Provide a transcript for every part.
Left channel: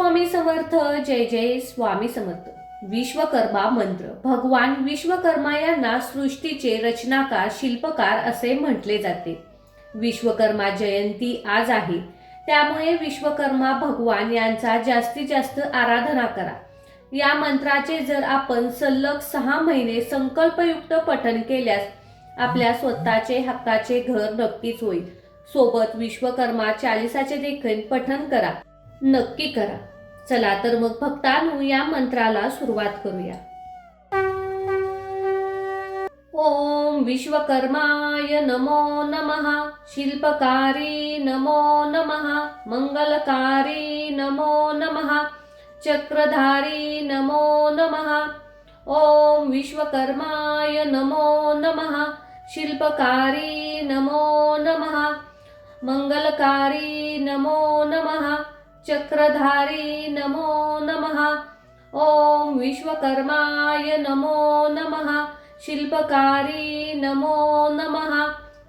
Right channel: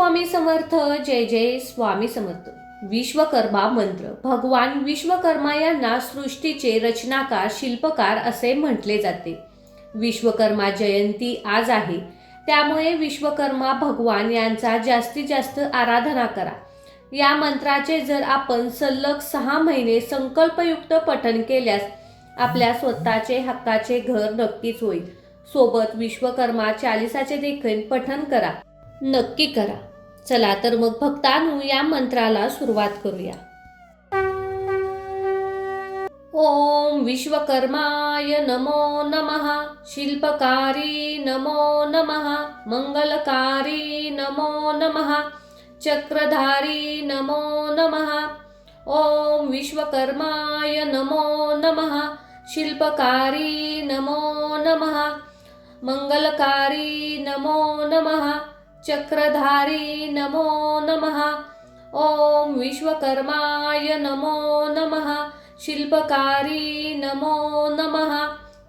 स्वामी समर्थ. जय जय स्वामी समर्थ. विश्वकर्मा मंत्र. भगवान विश्वकर्मा यांना सृष्टीचे रचनाकार, शिल्पकार असे म्हटले जाते. विश्वकर्मा जयंती आज आहे, त्यामुळे विश्वकर्मा भगवान यांचा जास्तीत जास्त आराधना करा. या मंत्राचे जर आपण सलग 6 महिने संकल्पयुक्त पठण केल्यास आपल्या स्वतःचे हक्काचे घर नक्कीच होईल. सोबत विश्वकर्मा चालीसाचे देखील पठण करा, नक्की करा. चला तर मग भक्तांनो, या मंत्राला सुरुवात करूया. ओम विश्वकर्माय नमो नमः. शिल्पकारी नमो नमः. मंगलकारी नमो नमः. चक्रधारी नमो नमः. ओम विश्वकर्माय नमो नमः. शिल्पकारी नमो नमः. मंगलकारी नमो नमः. चक्रधारी नमो नमः. ओम विश्वकर्माय नमो नमः. शिल्पकारी नमो नमः.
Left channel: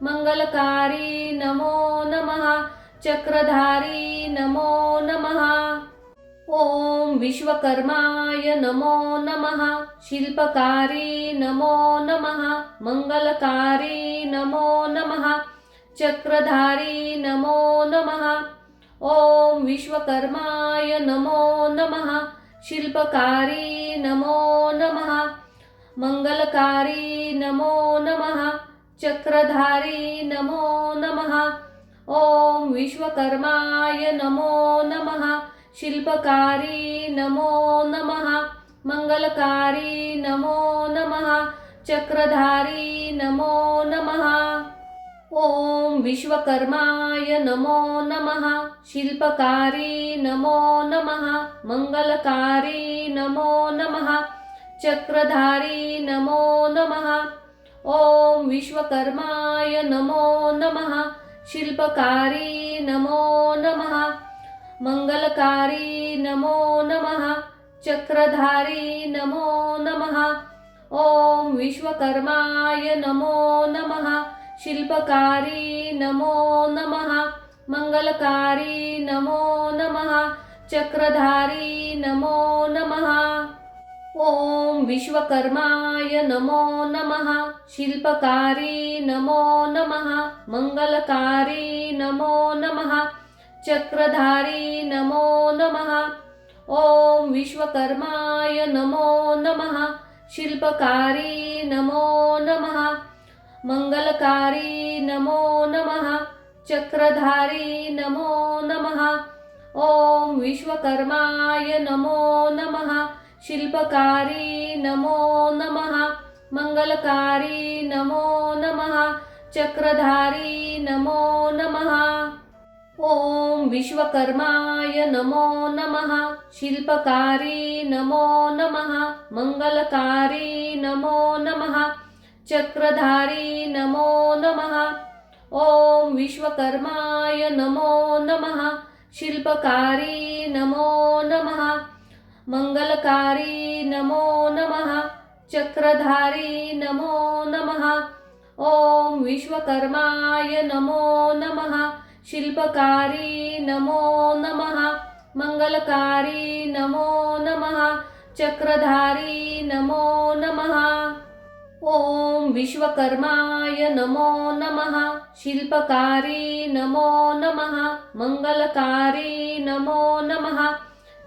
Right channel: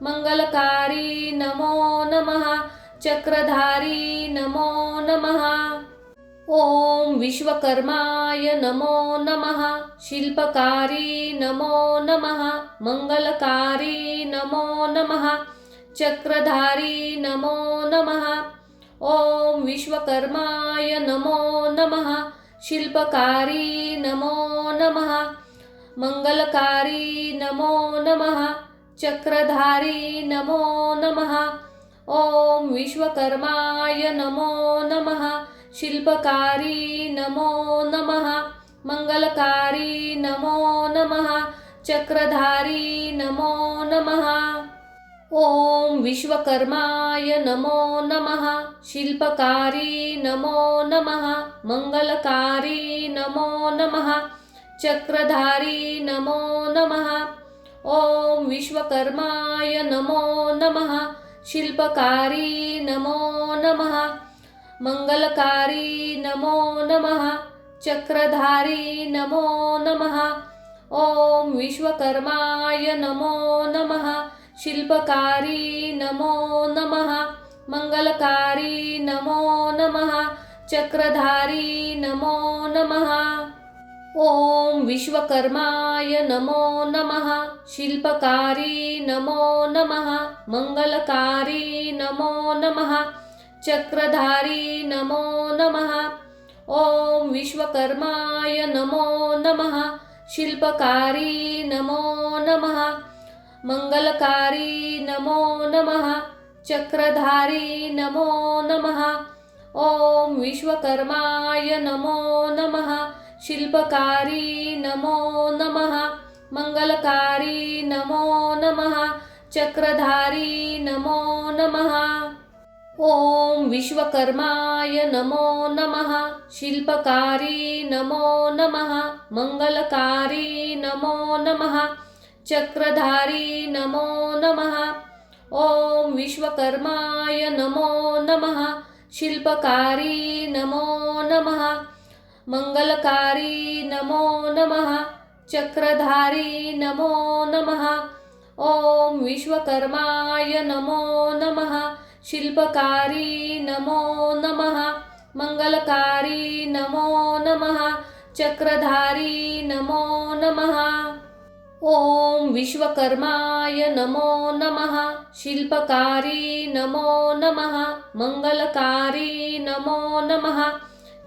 मंगलकारी नमो नमः. चक्रधारी नमो नमः. ओम विश्वकर्माय नमो नमः. शिल्पकारी नमो नमः. मंगलकारी नमो नमः. चक्रधारी नमो नमः. ओम विश्वकर्माय नमो नमः. शिल्पकारी नमो नमः. मंगलकारी नमो नमः. चक्रधारी नमो नमः. ओम विश्वकर्माय नमो नमः. शिल्पकारी नमो नमः. मंगलकारी नमो नमः. चक्रधारी नमो नमः. ओम विश्वकर्माय नमो नमः. शिल्पकारी नमो नमः. मंगलकारी नमो नमः. चक्रधारी नमो नमः. ओम विश्वकर्माय नमो नमः. शिल्पकारी नमो नमः. मंगलकारी नमो नमः. चक्रधारी नमो नमः. ओम विश्वकर्माय नमो नमः. शिल्पकारी नमो नमः. मंगलकारी नमो नमः. चक्रधारी नमो नमः. ओम विश्वकर्माय नमो नमः. शिल्पकारी नमो नमः. मंगलकारी नमो नमः. चक्रधारी नमो नमः. ओम विश्वकर्माय नमो नमः. शिल्पकारी नमो नमः. मंगलकारी नमो नमः. चक्रधारी नमो नमः. ओम विश्वकर्माय नमो नमः. शिल्पकारी नमो नमः. मंगलकारी नमो नमः. चक्रधारी नमो नमः. ओम विश्वकर्माय नमो नमः. शिल्पकारी नमो नमः. मंगलकारी नमो नमः. चक्रधारी नमो नमः. ओम विश्वकर्माय नमो नमः. शिल्पकारी नमो नमः. मंगलकारी नमो नमः. चक्रधारी नमो नमः. ओम विश्वकर्माय नमो नमः. शिल्पकारी नमो नमः. मंगलकारी नमो नमः. चक्रधारी नमो नमः. ओम विश्वकर्माय नमो नमः. शिल्पकारी नमो नमः. मंगलकारी नमो नमः.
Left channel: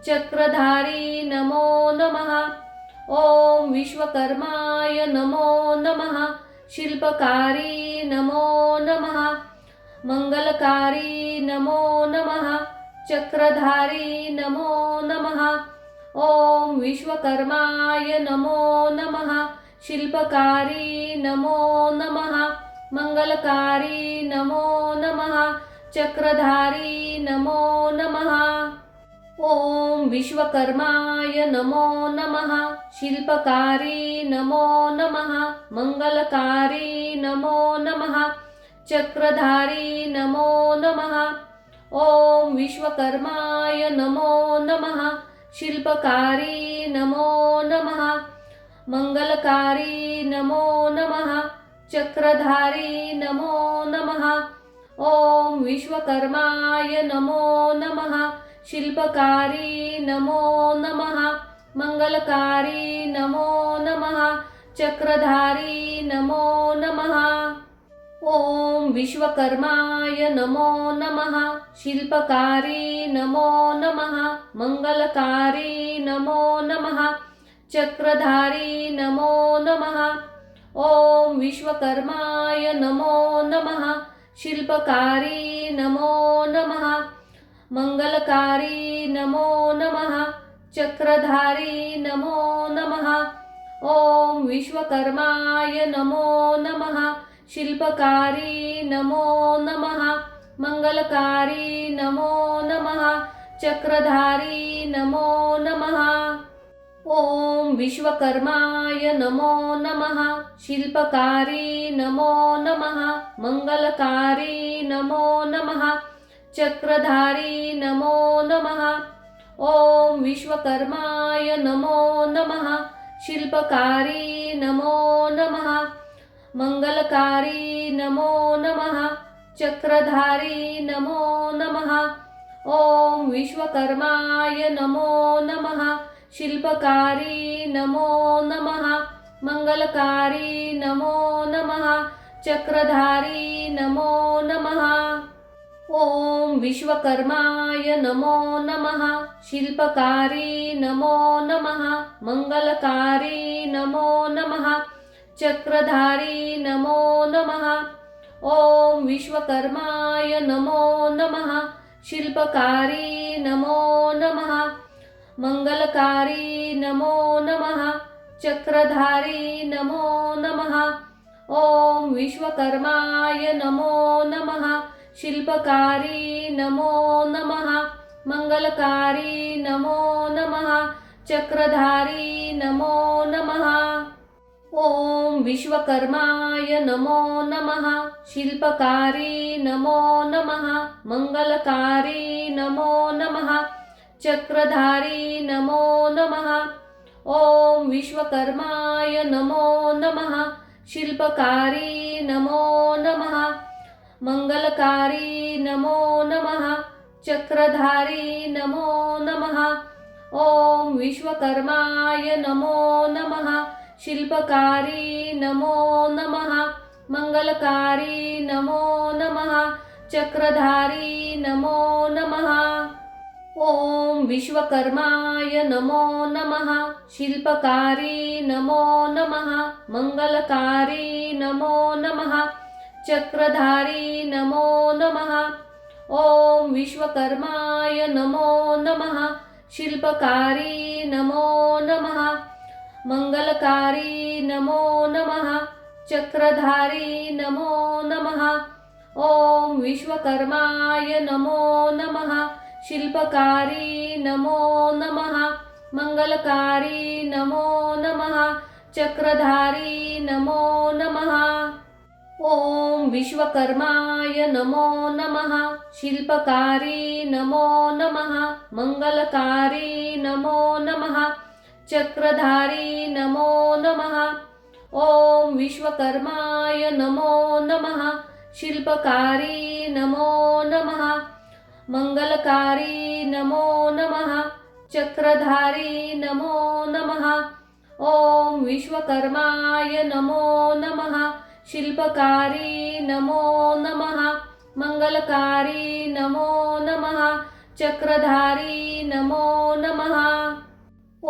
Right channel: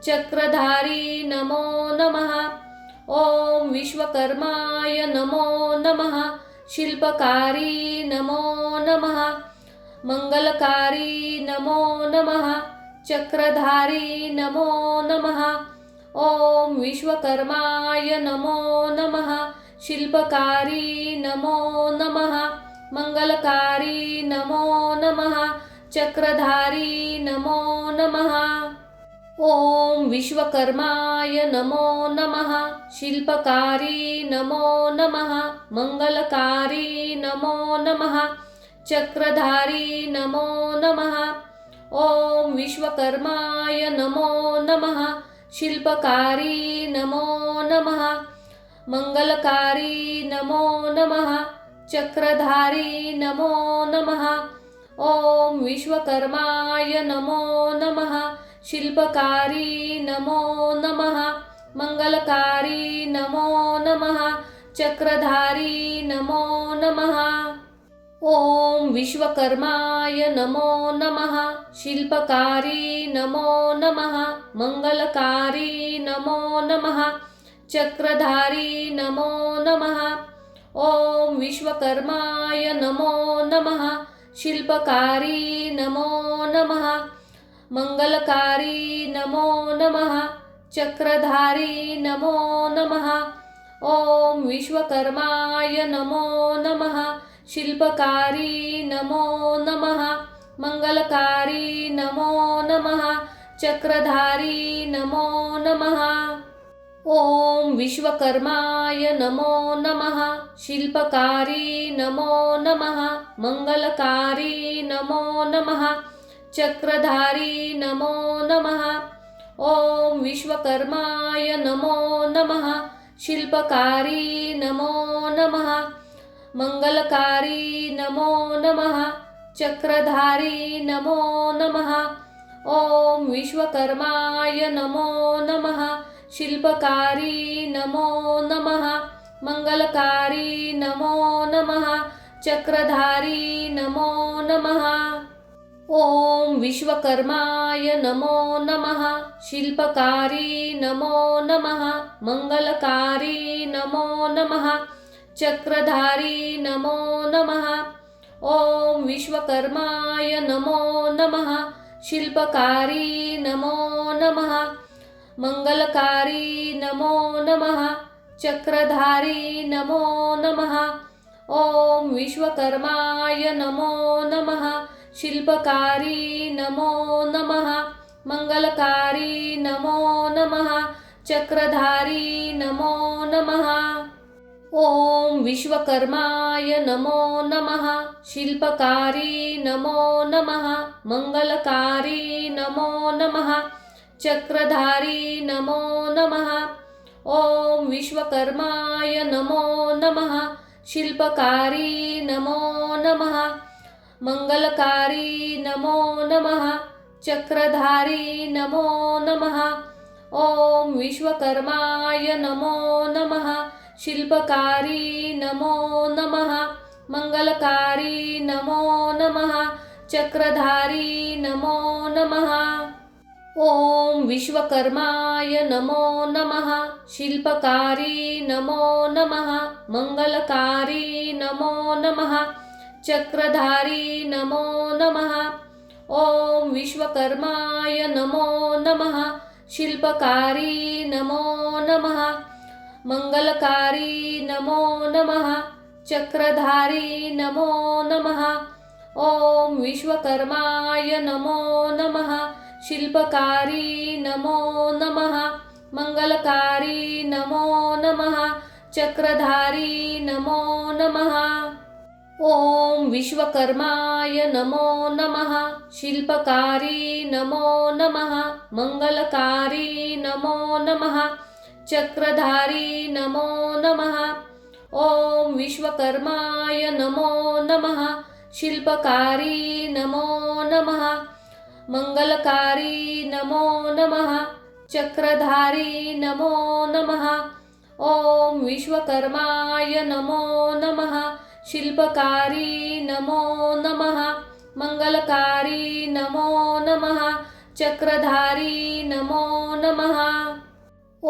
चक्रधारी नमो नमः. ओम विश्वकर्माय नमो नमः. शिल्पकारी नमो नमः. मंगलकारी नमो नमः. चक्रधारी नमो नमः. ओम विश्वकर्माय नमो नमः. शिल्पकारी नमो नमः. मंगलकारी नमो नमः. चक्रधारी नमो नमः. ओम विश्वकर्माय नमो नमः. शिल्पकारी नमो नमः. मंगलकारी नमो नमः. चक्रधारी नमो नमः. ओम विश्वकर्माय नमो नमः. शिल्पकारी नमो नमः. मंगलकारी नमो नमः. चक्रधारी नमो नमः. ओम विश्वकर्माय नमो नमः. शिल्पकारी नमो नमः मंगलकारी नमो नमः चक्रधारी नमो नमः ओम विश्वकर्माय नमो नमः शिल्पकारी नमो नमः मंगलकारी नमो नमः चक्रधारी नमो नमः ओम विश्वकर्माय नमो नमः शिल्पकारी नमो नमः मंगलकारी नमो नमः चक्रधारी नमो नमः ओम विश्वकर्माय नमो नमः शिल्पकारी नमो नमः मंगलकारी नमो नमः चक्रधारी नमो नमः ओम विश्वकर्माय नमो नमः शिल्पकारी नमो नमः मंगलकारी नमो नमः चक्रधारी नमो नमः ओम विश्वकर्माय नमो नमः शिल्पकारी नमो नमः मंगलकारी नमो नमः चक्रधारी नमो नमः ओम विश्वकर्माय नमो नमः शिल्पकारी नमो नमः मंगलकारी नमो नमः चक्रधारी नमो नमः ओम विश्वकर्माय नमो नमः शिल्पकारी नमो नमः मंगलकारी नमो नमः चक्रधारी नमो नमः ओम विश्वकर्माय नमो नमः शिल्पकारी नमो नमः मंगलकारी नमो नमः चक्रधारी नमो नमः ओम विश्वकर्माय नमो नमः शिल्पकारी नमो नमः मंगलकारी नमो नमः चक्रधारी नमो नमः ओम विश्वकर्माय नमो नमः शिल्पकारी नमो नमः मंगलकारी नमो नमः चक्रधारी नमो नमः ओम विश्वकर्माय नमो नमः शिल्पकारी नमो नमः मंगलकारी नमो नमः चक्रधारी नमो नमः ओम विश्वकर्माय नमो नमः शिल्पकारी नमो नमः मंगलकारी नमो नमः चक्रधारी नमो नमः ओम विश्वकर्माय नमो नमः शिल्पकारी नमो नमः मंगलकारी नमो नमः चक्रधारी नमो नमः ओम विश्वकर्माय नमो नमः शिल्पकारी नमो नमः मंगलकारी नमो नमः चक्रधारी नमो नमः ओम विश्वकर्माय नमो नमः शिल्पकारी नमो नमः मंगलकारी नमो नमः चक्रधारी नमो नमः ओम विश्वकर्माय नमो नमः शिल्पकारी नमो नमः मंगलकारी नमो नमः चक्रधारी नमो नमः ओम विश्वकर्माय नमो नमः शिल्पकारी नमो नमः मंगलकारी नमो नमः चक्रधारी नमो नमः ओम विश्वकर्माय नमो नमः शिल्पकारी नमो नमः मंगलकारी नमो नमः चक्रधारी नमो नमः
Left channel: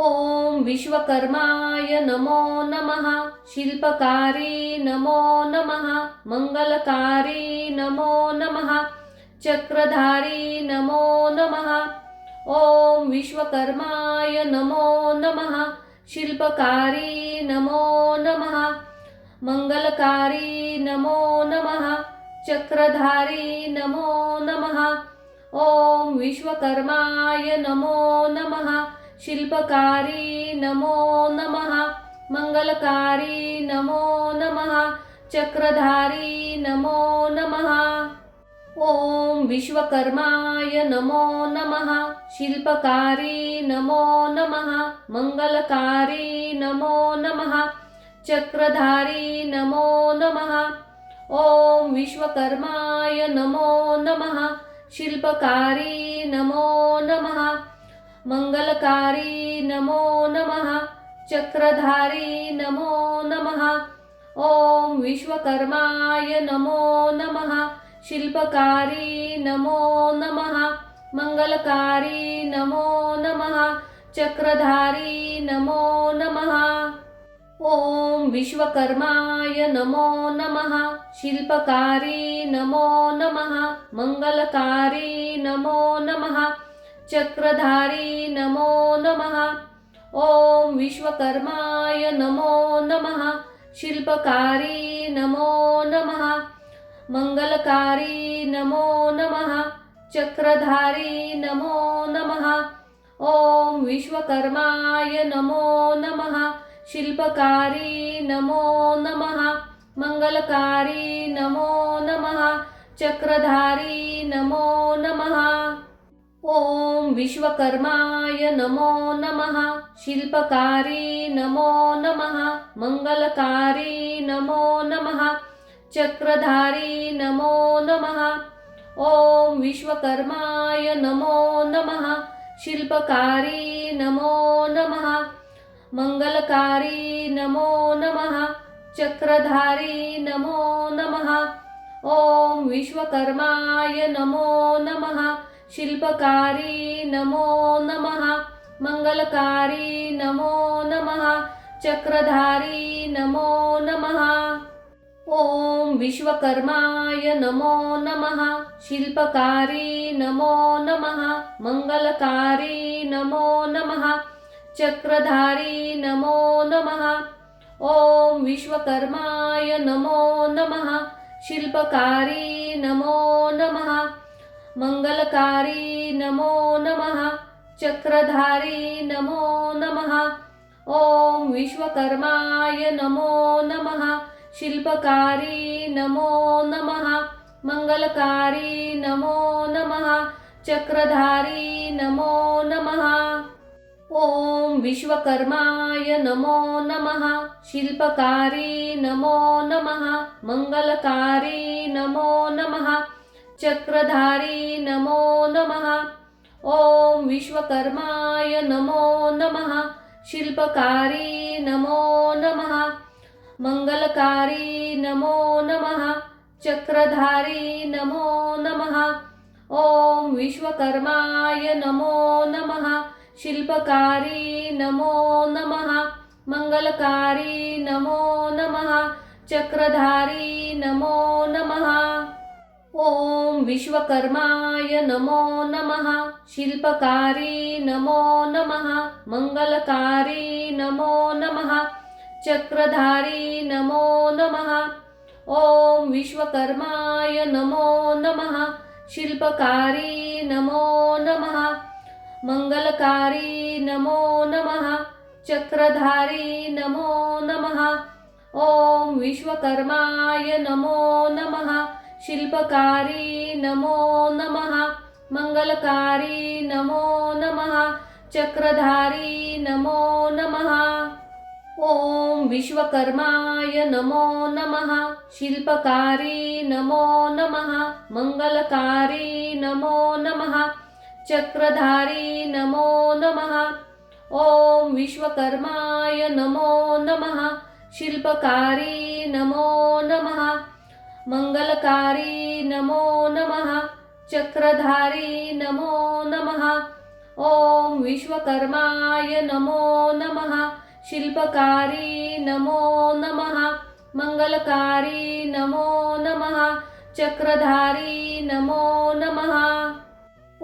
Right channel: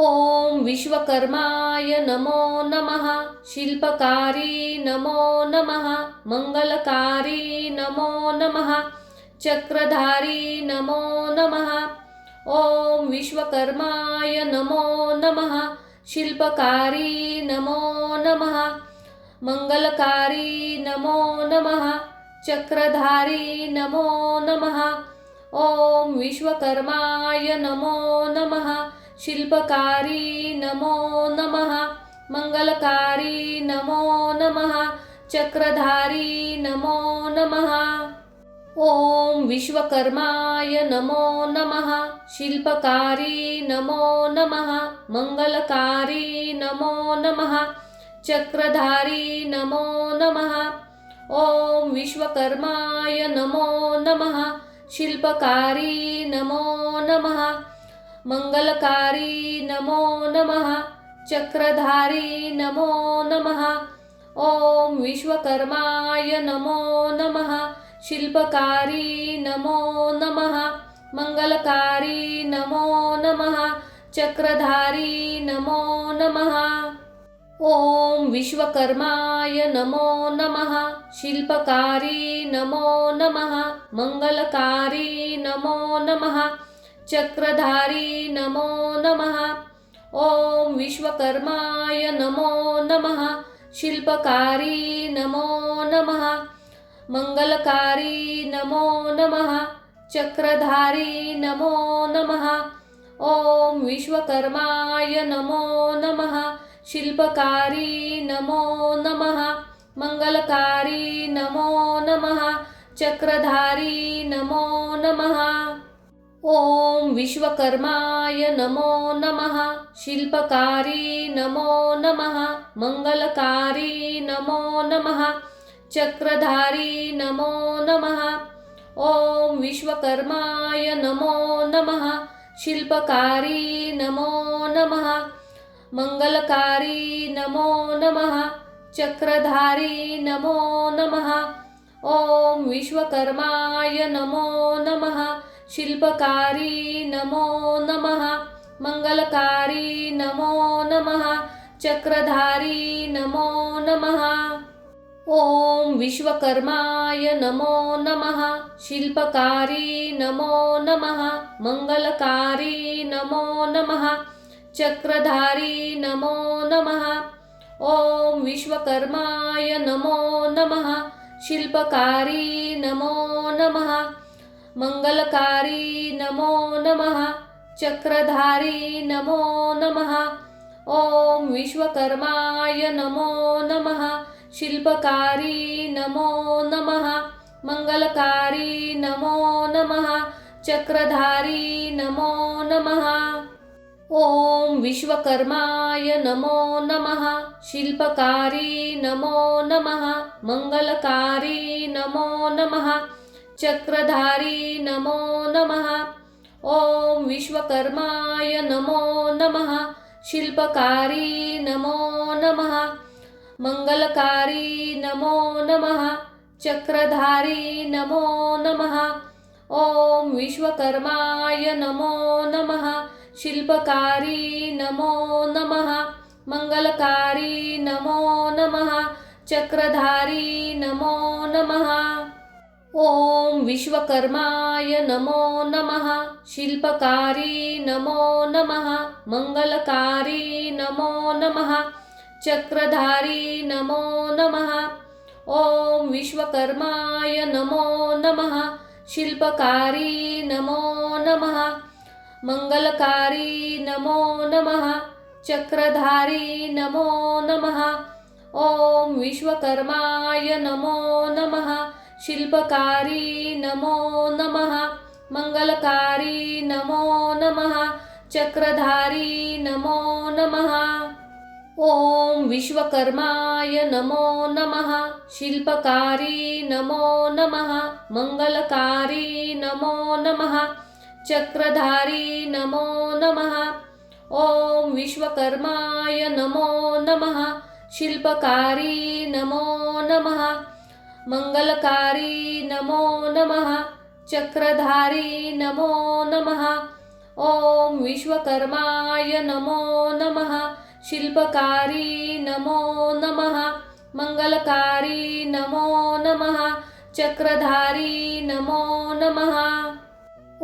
ओम विश्वकर्माय नमो नमः शिल्पकारी नमो नमः मंगलकारी नमो नमः चक्रधारी नमो नमः ओम विश्वकर्माय नमो नमः शिल्पकारी नमो नमः मंगलकारी नमो नमः चक्रधारी नमो नमः ओम विश्वकर्माय नमो नमः शिल्पकारी नमो नमः मंगलकारी नमो नमः चक्रधारी नमो नमः ओम विश्वकर्माय नमो नमः शिल्पकारी नमो नमः मंगलकारी नमो नमः चक्रधारी नमो नमः ओम विश्वकर्माय नमो नमः शिल्पकारी नमो नमः मंगलकारी नमो नमः चक्रधारी नमो नमः ओम विश्वकर्माय नमो नमः शिल्पकारी नमो नमः मंगलकारी नमो नमः चक्रधारी नमो नमः ओम विश्वकर्माय नमो नमः शिल्पकारी नमो नमः मंगलकारी नमो नमः चक्रधारी नमो नमः ओम विश्वकर्माय नमो नमः शिल्पकारी नमो नमः मंगलकारी नमो नमः चक्रधारी नमो नमः ओम विश्वकर्माय नमो नमः शिल्पकारी नमो नमः मंगलकारी नमो नमः चक्रधारी नमो नमः ओम विश्वकर्माय नमो नमः शिल्पकारी नमो नमः मंगलकारी नमो नमः चक्रधारी नमो नमः ओम विश्वकर्माय नमो नमः शिल्पकारी नमो नमः मंगलकारी नमो नमः चक्रधारी नमो नमः ओम विश्वकर्माय नमो नमः शिल्पकारी नमो नमः मंगलकारी नमो नमः चक्रधारी नमो नमः ओम विश्वकर्माय नमो नमः शिल्पकारी नमो नमः मंगलकारी नमो नमः चक्रधारी नमो नमः ओम विश्वकर्माय नमो नमः शिल्पकारी नमो नमः मंगलकारी नमो नमः चक्रधारी नमो नमः ओम विश्वकर्माय नमो नमः शिल्पकारी नमो नमः मंगलकारी नमो नमः चक्रधारी नमो नमः ओम विश्वकर्माय नमो नमः शिल्पकारी नमो नमः मंगलकारी नमो नमः चक्रधारी नमो नमः ओम विश्वकर्माय नमो नमः शिल्पकारी नमो नमः मंगलकारी नमो नमः चक्रधारी नमो नमः ओम विश्वकर्माय नमो नमः शिल्पकारी नमो नमः मंगलकारी नमो नमः चक्रधारी नमो नमः ओम विश्वकर्माय नमो नमः शिल्पकारी नमो नमः मंगलकारी नमो नमः चक्रधारी नमो नमः ओम विश्वकर्माय नमो नमः शिल्पकारी नमो नमः मंगलकारी नमो नमः चक्रधारी नमो नमः ओम विश्वकर्माय नमो नमः शिल्पकारी नमो नमः मंगलकारी नमो नमः चक्रधारी नमो नमः ओम विश्वकर्माय नमो नमः शिल्पकारी नमो नमः मंगलकारी नमो नमः चक्रधारी नमो नमः ओम विश्वकर्माय नमो नमः शिल्पकारी नमो नमः मंगलकारी नमो नमः चक्रधारी नमो नमः ओम विश्वकर्माय नमो नमः शिल्पकारी नमो नमः मंगलकारी नमो नमः चक्रधारी नमो नमः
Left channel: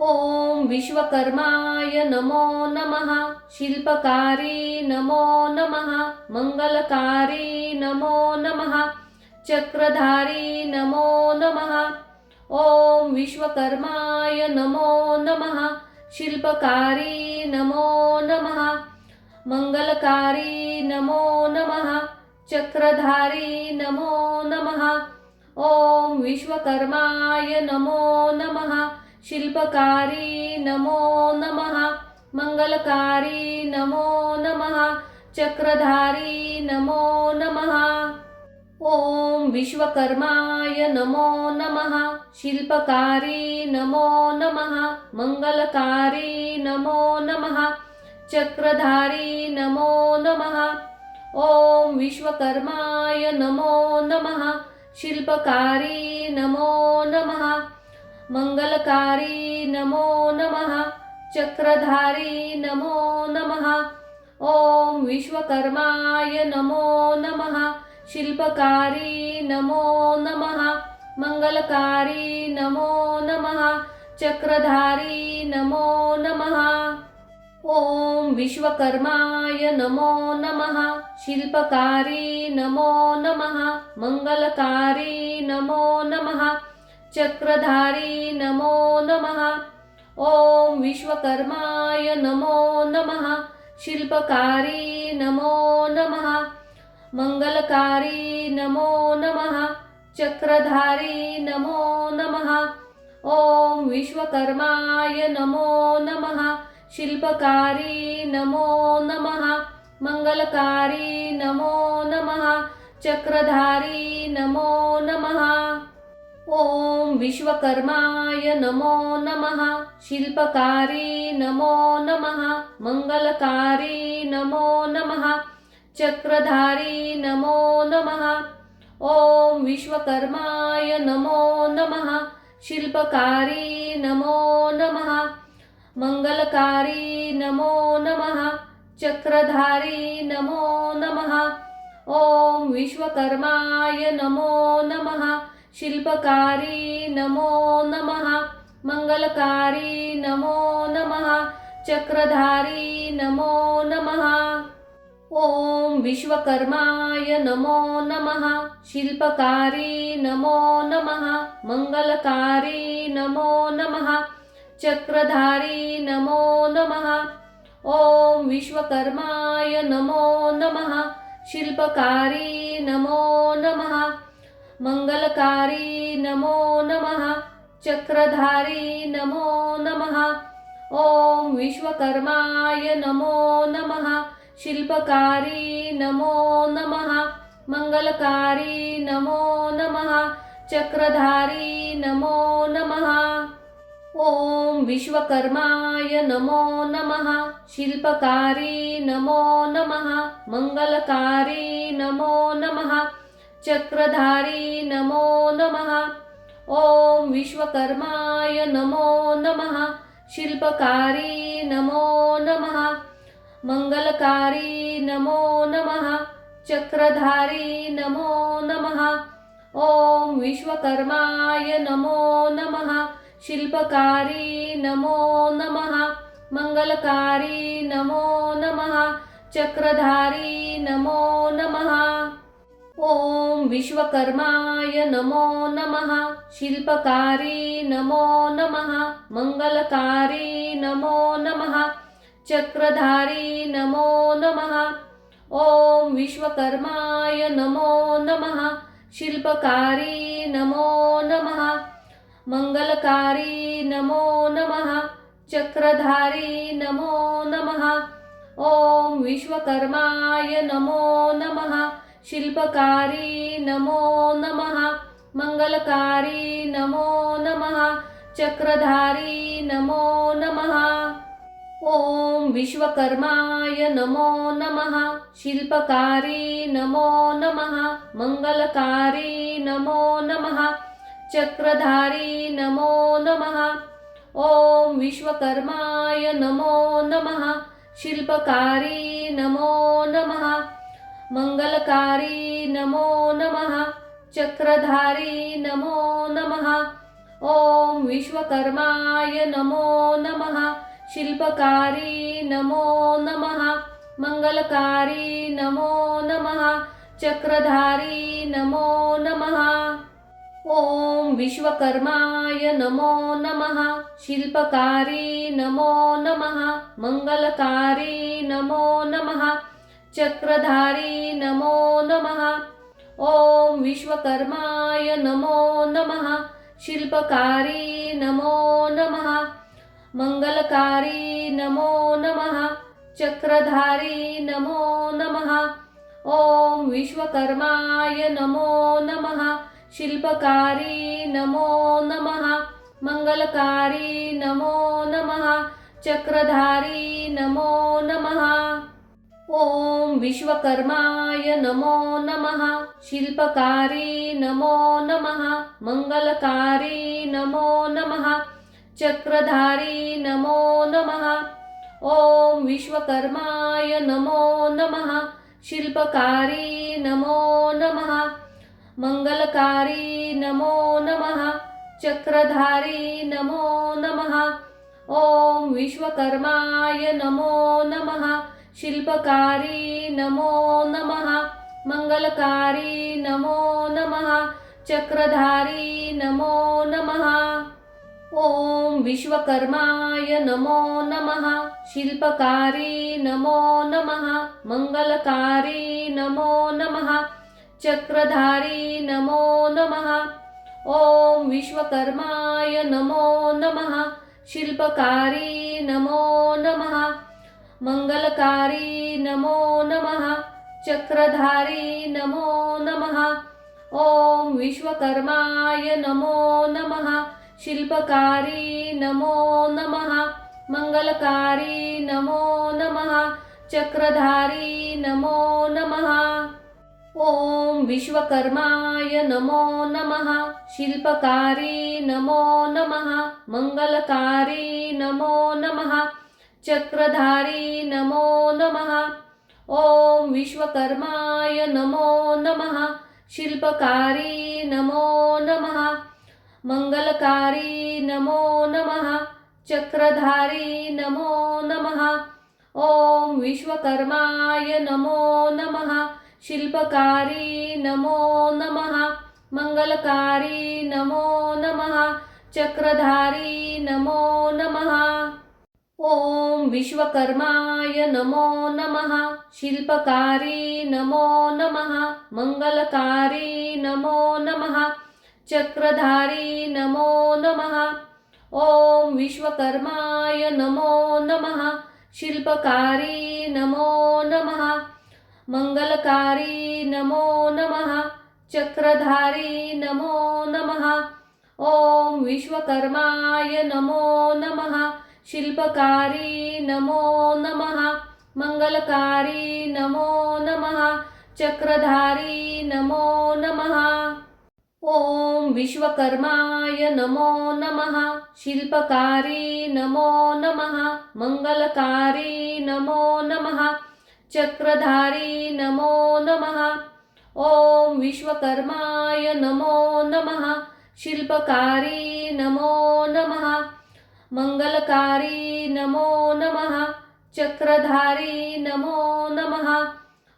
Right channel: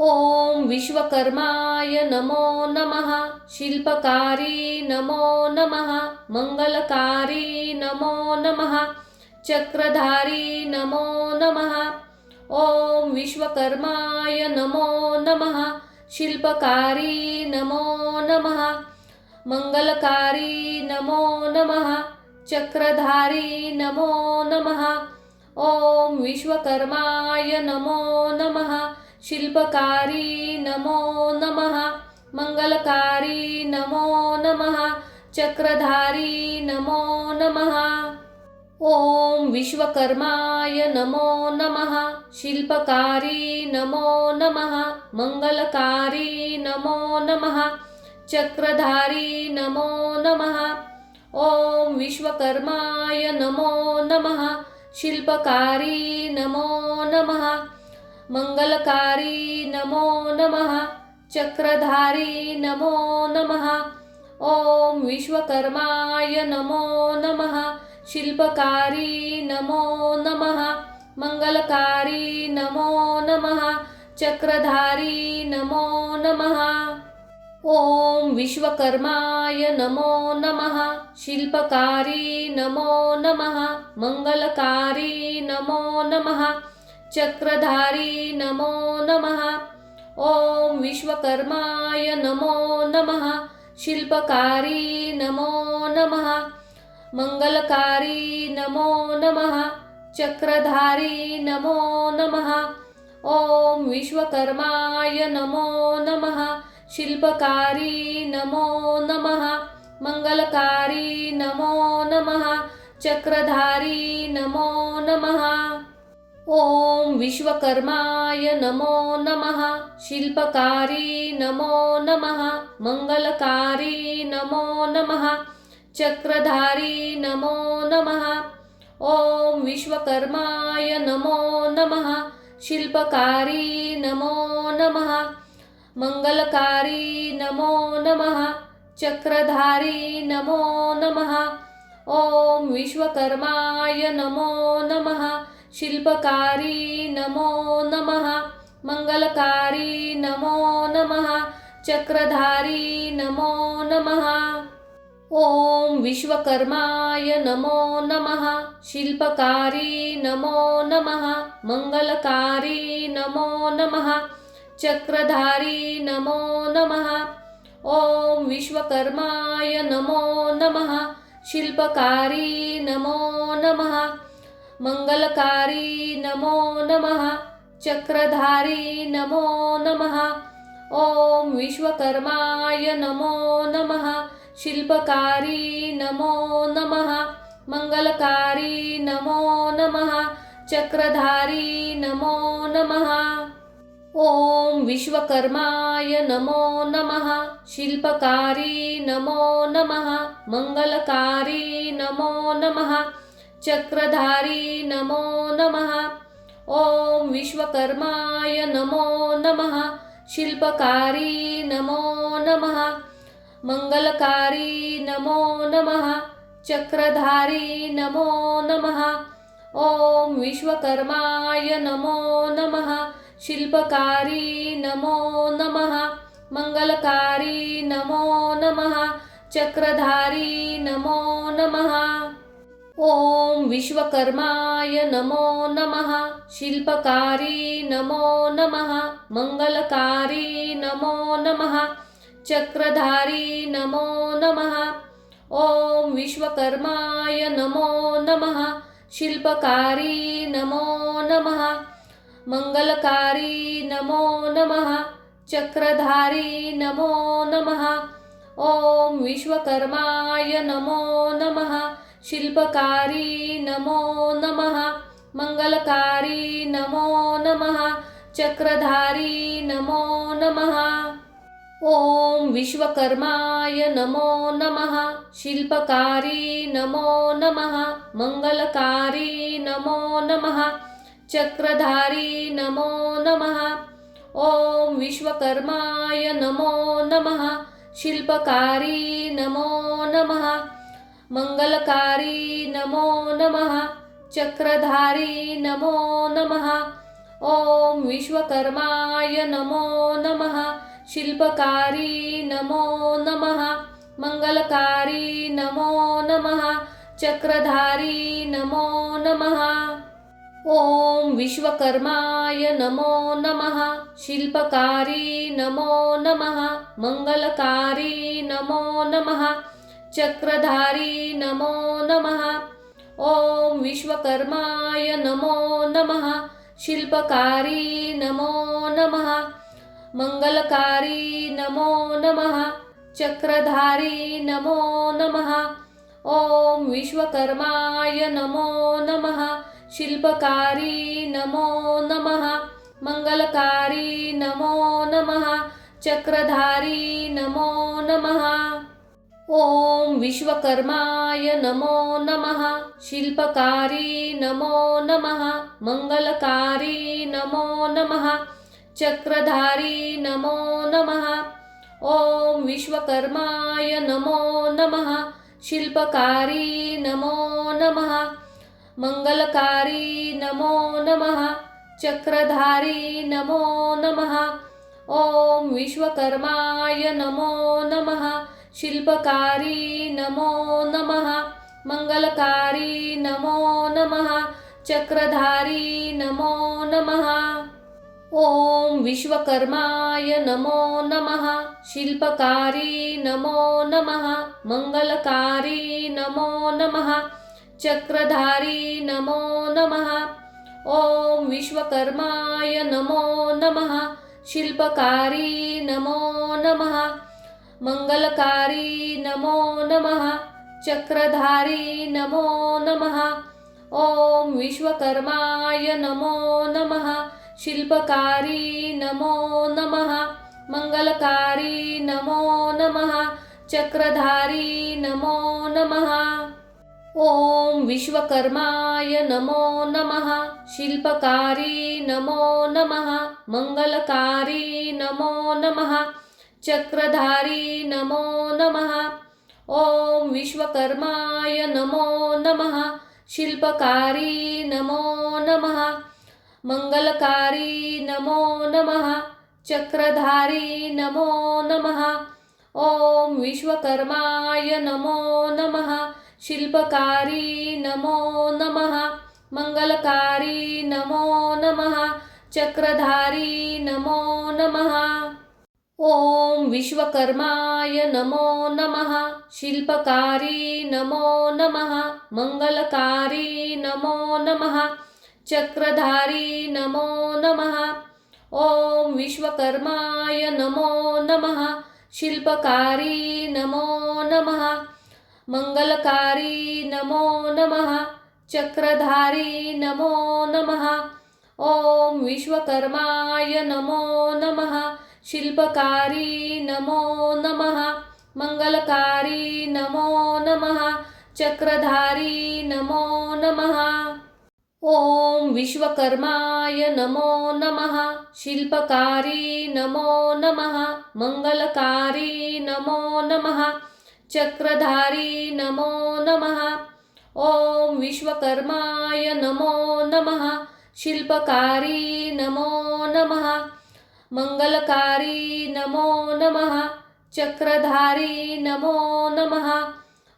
ओम विश्वकर्माय नमो नमः शिल्पकारी नमो नमः मंगलकारी नमो नमः चक्रधारी नमो नमः ओम विश्वकर्माय नमो नमः शिल्पकारी नमो नमः मंगलकारी नमो नमः चक्रधारी नमो नमः ओम विश्वकर्माय नमो नमः शिल्पकारी नमो नमः मंगलकारी नमो नमः चक्रधारी नमो नमः ओम विश्वकर्माय नमो नमः शिल्पकारी नमो नमः मंगलकारी नमो नमः चक्रधारी नमो नमः ओम विश्वकर्माय नमो नमः शिल्पकारी नमो नमः मंगलकारी नमो नमः चक्रधारी नमो नमः ओम विश्वकर्माय नमो नमः शिल्पकारी नमो नमः मंगलकारी नमो नमः चक्रधारी नमो नमः ओम विश्वकर्माय नमो नमः शिल्पकारी नमो नमः मंगलकारी नमो नमः चक्रधारी नमो नमः ओम विश्वकर्माय नमो नमः शिल्पकारी नमो नमः मंगलकारी नमो नमः चक्रधारी नमो नमः ओम विश्वकर्माय नमो नमः शिल्पकारी नमो नमः मंगलकारी नमो नमः चक्रधारी नमो नमः ओम विश्वकर्माय नमो नमः शिल्पकारी नमो नमः मंगलकारी नमो नमः चक्रधारी नमो नमः ओम विश्वकर्माय नमो नमः शिल्पकारी नमो नमः मंगलकारी नमो नमः चक्रधारी नमो नमः ओम विश्वकर्माय नमो नमः शिल्पकारी नमो नमः मंगलकारी नमो नमः चक्रधारी नमो नमः ओम विश्वकर्माय नमो नमः शिल्पकारी नमो नमः मंगलकारी नमो नमः चक्रधारी नमो नमः ओम विश्वकर्माय नमो नमः शिल्पकारी नमो नमः मंगलकारी नमो नमः चक्रधारी नमो नमः ओम विश्वकर्माय नमो नमः शिल्पकारी नमो नमः मंगलकारी नमो नमः चक्रधारी नमो नमः ओम विश्वकर्माय नमो नमः शिल्पकारी नमो नमः मंगलकारी नमो नमः चक्रधारी नमो नमः ओम विश्वकर्माय नमो नमः शिल्पकारी नमो नमः मंगलकारी नमो नमः चक्रधारी नमो नमः ओम विश्वकर्माय नमो नमः शिल्पकारी नमो नमः मंगलकारी नमो नमः चक्रधारी नमो नमः ओम विश्वकर्माय नमो नमः शिल्पकारी नमो नमः मंगलकारी नमो नमः चक्रधारी नमो नमः ओम विश्वकर्माय नमो नमः शिल्पकारी नमो नमः मंगलकारी नमो नमः चक्रधारी नमो नमः ओम विश्वकर्माय नमो नमः शिल्पकारी नमो नमः मंगलकारी नमो नमः चक्रधारी नमो नमः ओम विश्वकर्माय नमो नमः शिल्पकारी नमो नमः मंगलकारी नमो नमः चक्रधारी नमो नमः ओम विश्वकर्माय नमो नमः शिल्पकारी नमो नमः मंगलकारी नमो नमः चक्रधारी नमो नमः ओम विश्वकर्माय नमो नमः शिल्पकारी नमो नमः मंगलकारी नमो नमः चक्रधारी नमो नमः ओम विश्वकर्माय नमो नमः शिल्पकारी नमो नमः मंगलकारी नमो नमः चक्रधारी नमो नमः ओम विश्वकर्माय नमो नमः शिल्पकारी नमो नमः मंगलकारी नमो नमः चक्रधारी नमो नमः ओम विश्वकर्माय नमो नमः शिल्पकारी नमो नमः मंगलकारी नमो नमः चक्रधारी नमो नमः ओम विश्वकर्माय नमो नमः शिल्पकारी नमो नमः मंगलकारी नमो नमः चक्रधारी नमो नमः ओम विश्वकर्माय नमो नमः शिल्पकारी नमो नमः मंगलकारी नमो नमः चक्रधारी नमो नमः ओम विश्वकर्माय नमो नमः शिल्पकारी नमो नमः मंगलकारी नमो नमः चक्रधारी नमो नमः ओम विश्वकर्माय नमो नमः शिल्पकारी नमो नमः मंगलकारी नमो नमः चक्रधारी नमो नमः ओम विश्वकर्माय नमो नमः शिल्पकारी नमो नमः मंगलकारी नमो नमः चक्रधारी नमो नमः ओम विश्वकर्माय नमो नमः शिल्पकारी नमो नमः मंगलकारी नमो नमः चक्रधारी नमो नमः ओम विश्वकर्माय नमो नमः शिल्पकारी नमो नमः मंगलकारी नमो नमः चक्रधारी नमो नमः ओम विश्वकर्माय नमो नमः शिल्पकारी नमो नमः मंगलकारी नमो नमः चक्रधारी नमो नमः ओम विश्वकर्माय नमो नमः शिल्पकारी नमो नमः मंगलकारी नमो नमः चक्रधारी नमो नमः ओम विश्वकर्माय नमो नमः शिल्पकारी नमो नमः मंगलकारी नमो नमः चक्रधारी नमो नमः ओम विश्वकर्माय नमो नमः शिल्पकारी नमो नमः मंगलकारी नमो नमः चक्रधारी नमो नमः ओम विश्वकर्माय नमो नमः शिल्पकारी नमो नमः मंगलकारी नमो नमः चक्रधारी नमो नमः ओम विश्वकर्माय नमो नमः शिल्पकारी नमो नमः मंगलकारी नमो नमः चक्रधारी नमो नमः ओम विश्वकर्माय नमो नमः शिल्पकारी नमो नमः मंगलकारी नमो नमः चक्रधारी नमो नमः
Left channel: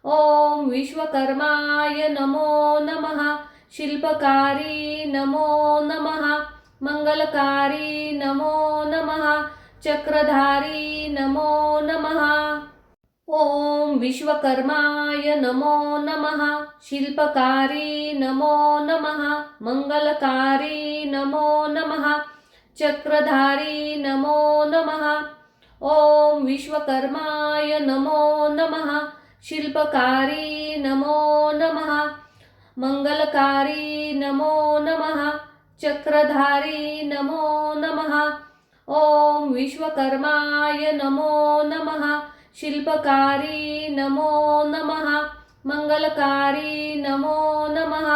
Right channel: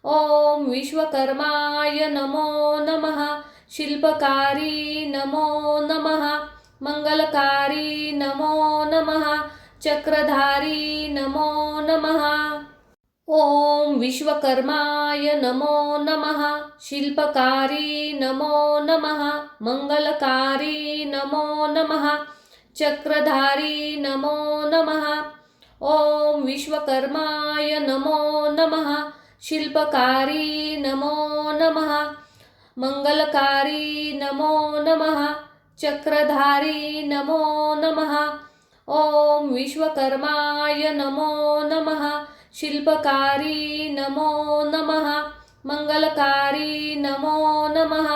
ओम विश्वकर्माय नमो नमः शिल्पकारी नमो नमः मंगलकारी नमो नमः चक्रधारी नमो नमः ओम विश्वकर्माय नमो नमः शिल्पकारी नमो नमः मंगलकारी नमो नमः चक्रधारी नमो नमः ओम विश्वकर्माय नमो नमः शिल्पकारी नमो नमः मंगलकारी नमो नमः चक्रधारी नमो नमः ओम विश्वकर्माय नमो नमः शिल्पकारी नमो नमः मंगलकारी नमो नमः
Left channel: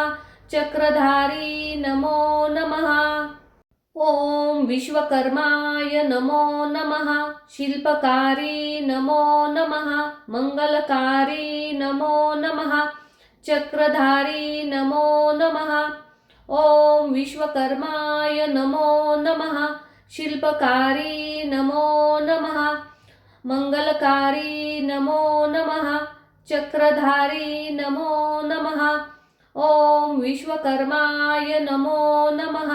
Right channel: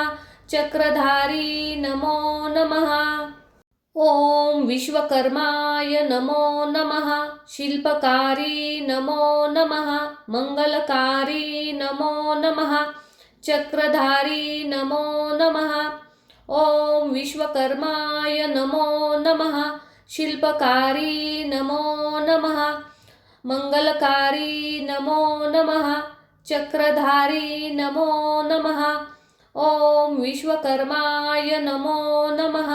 चक्रधारी नमो नमः ओम विश्वकर्माय नमो नमः शिल्पकारी नमो नमः मंगलकारी नमो नमः चक्रधारी नमो नमः ओम विश्वकर्माय नमो नमः शिल्पकारी नमो नमः मंगलकारी नमो नमः चक्रधारी नमो नमः ओम विश्वकर्माय नमो नमः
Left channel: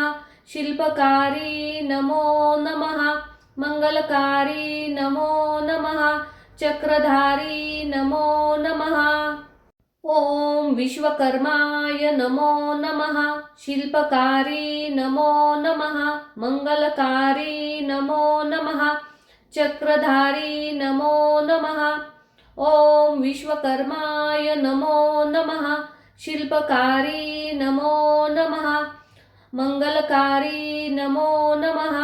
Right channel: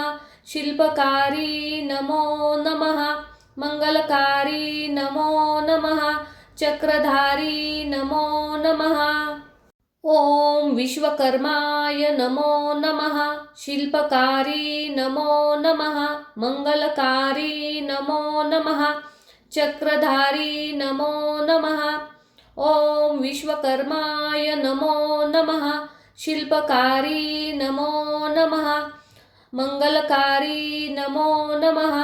शिल्पकारी नमो नमः मंगलकारी नमो नमः चक्रधारी नमो नमः ओम विश्वकर्माय नमो नमः शिल्पकारी नमो नमः मंगलकारी नमो नमः चक्रधारी नमो नमः ओम विश्वकर्माय नमो नमः शिल्पकारी नमो नमः मंगलकारी नमो नमः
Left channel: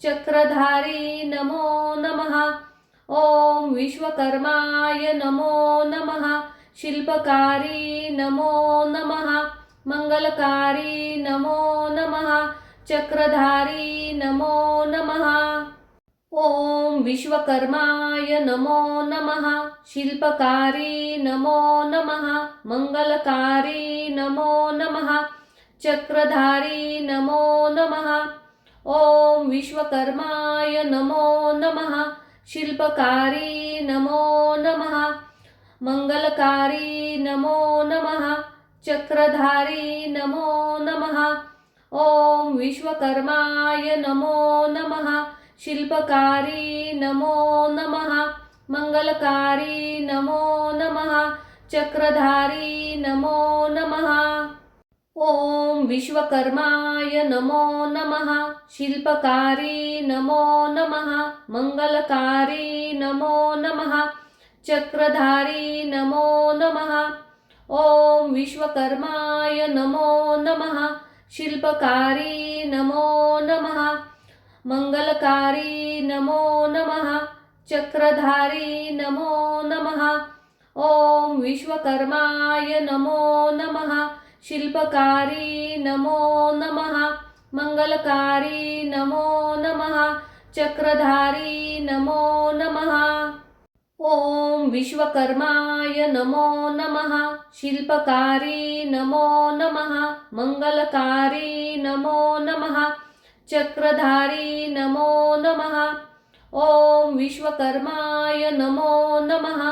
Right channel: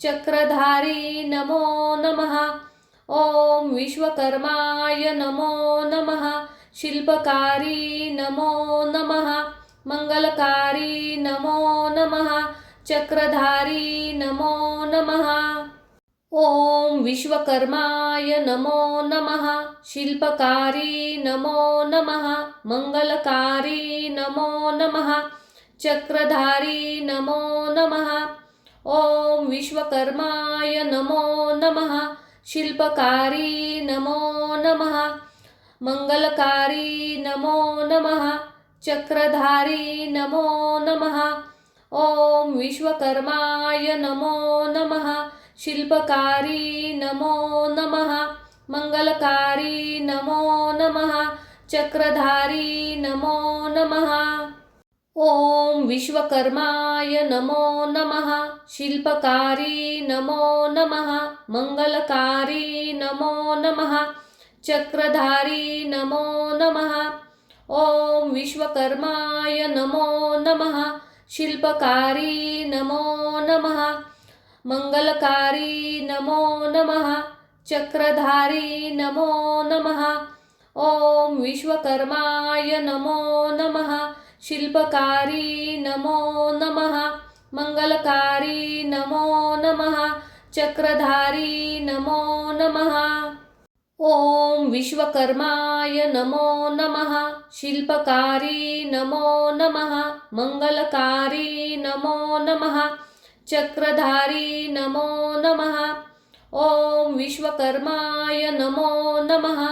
चक्रधारी नमो नमः ओम विश्वकर्माय नमो नमः शिल्पकारी नमो नमः मंगलकारी नमो नमः चक्रधारी नमो नमः ओम विश्वकर्माय नमो नमः शिल्पकारी नमो नमः मंगलकारी नमो नमः चक्रधारी नमो नमः ओम विश्वकर्माय नमो नमः शिल्पकारी नमो नमः मंगलकारी नमो नमः चक्रधारी नमो नमः ओम विश्वकर्माय नमो नमः शिल्पकारी नमो नमः मंगलकारी नमो नमः चक्रधारी नमो नमः ओम विश्वकर्माय नमो नमः शिल्पकारी नमो नमः मंगलकारी नमो नमः चक्रधारी नमो नमः ओम विश्वकर्माय नमो नमः शिल्पकारी नमो नमः मंगलकारी नमो नमः चक्रधारी नमो नमः ओम विश्वकर्माय नमो नमः शिल्पकारी नमो नमः मंगलकारी नमो नमः चक्रधारी नमो नमः ओम विश्वकर्माय नमो नमः शिल्पकारी नमो नमः मंगलकारी नमो नमः चक्रधारी नमो नमः ओम विश्वकर्माय नमो नमः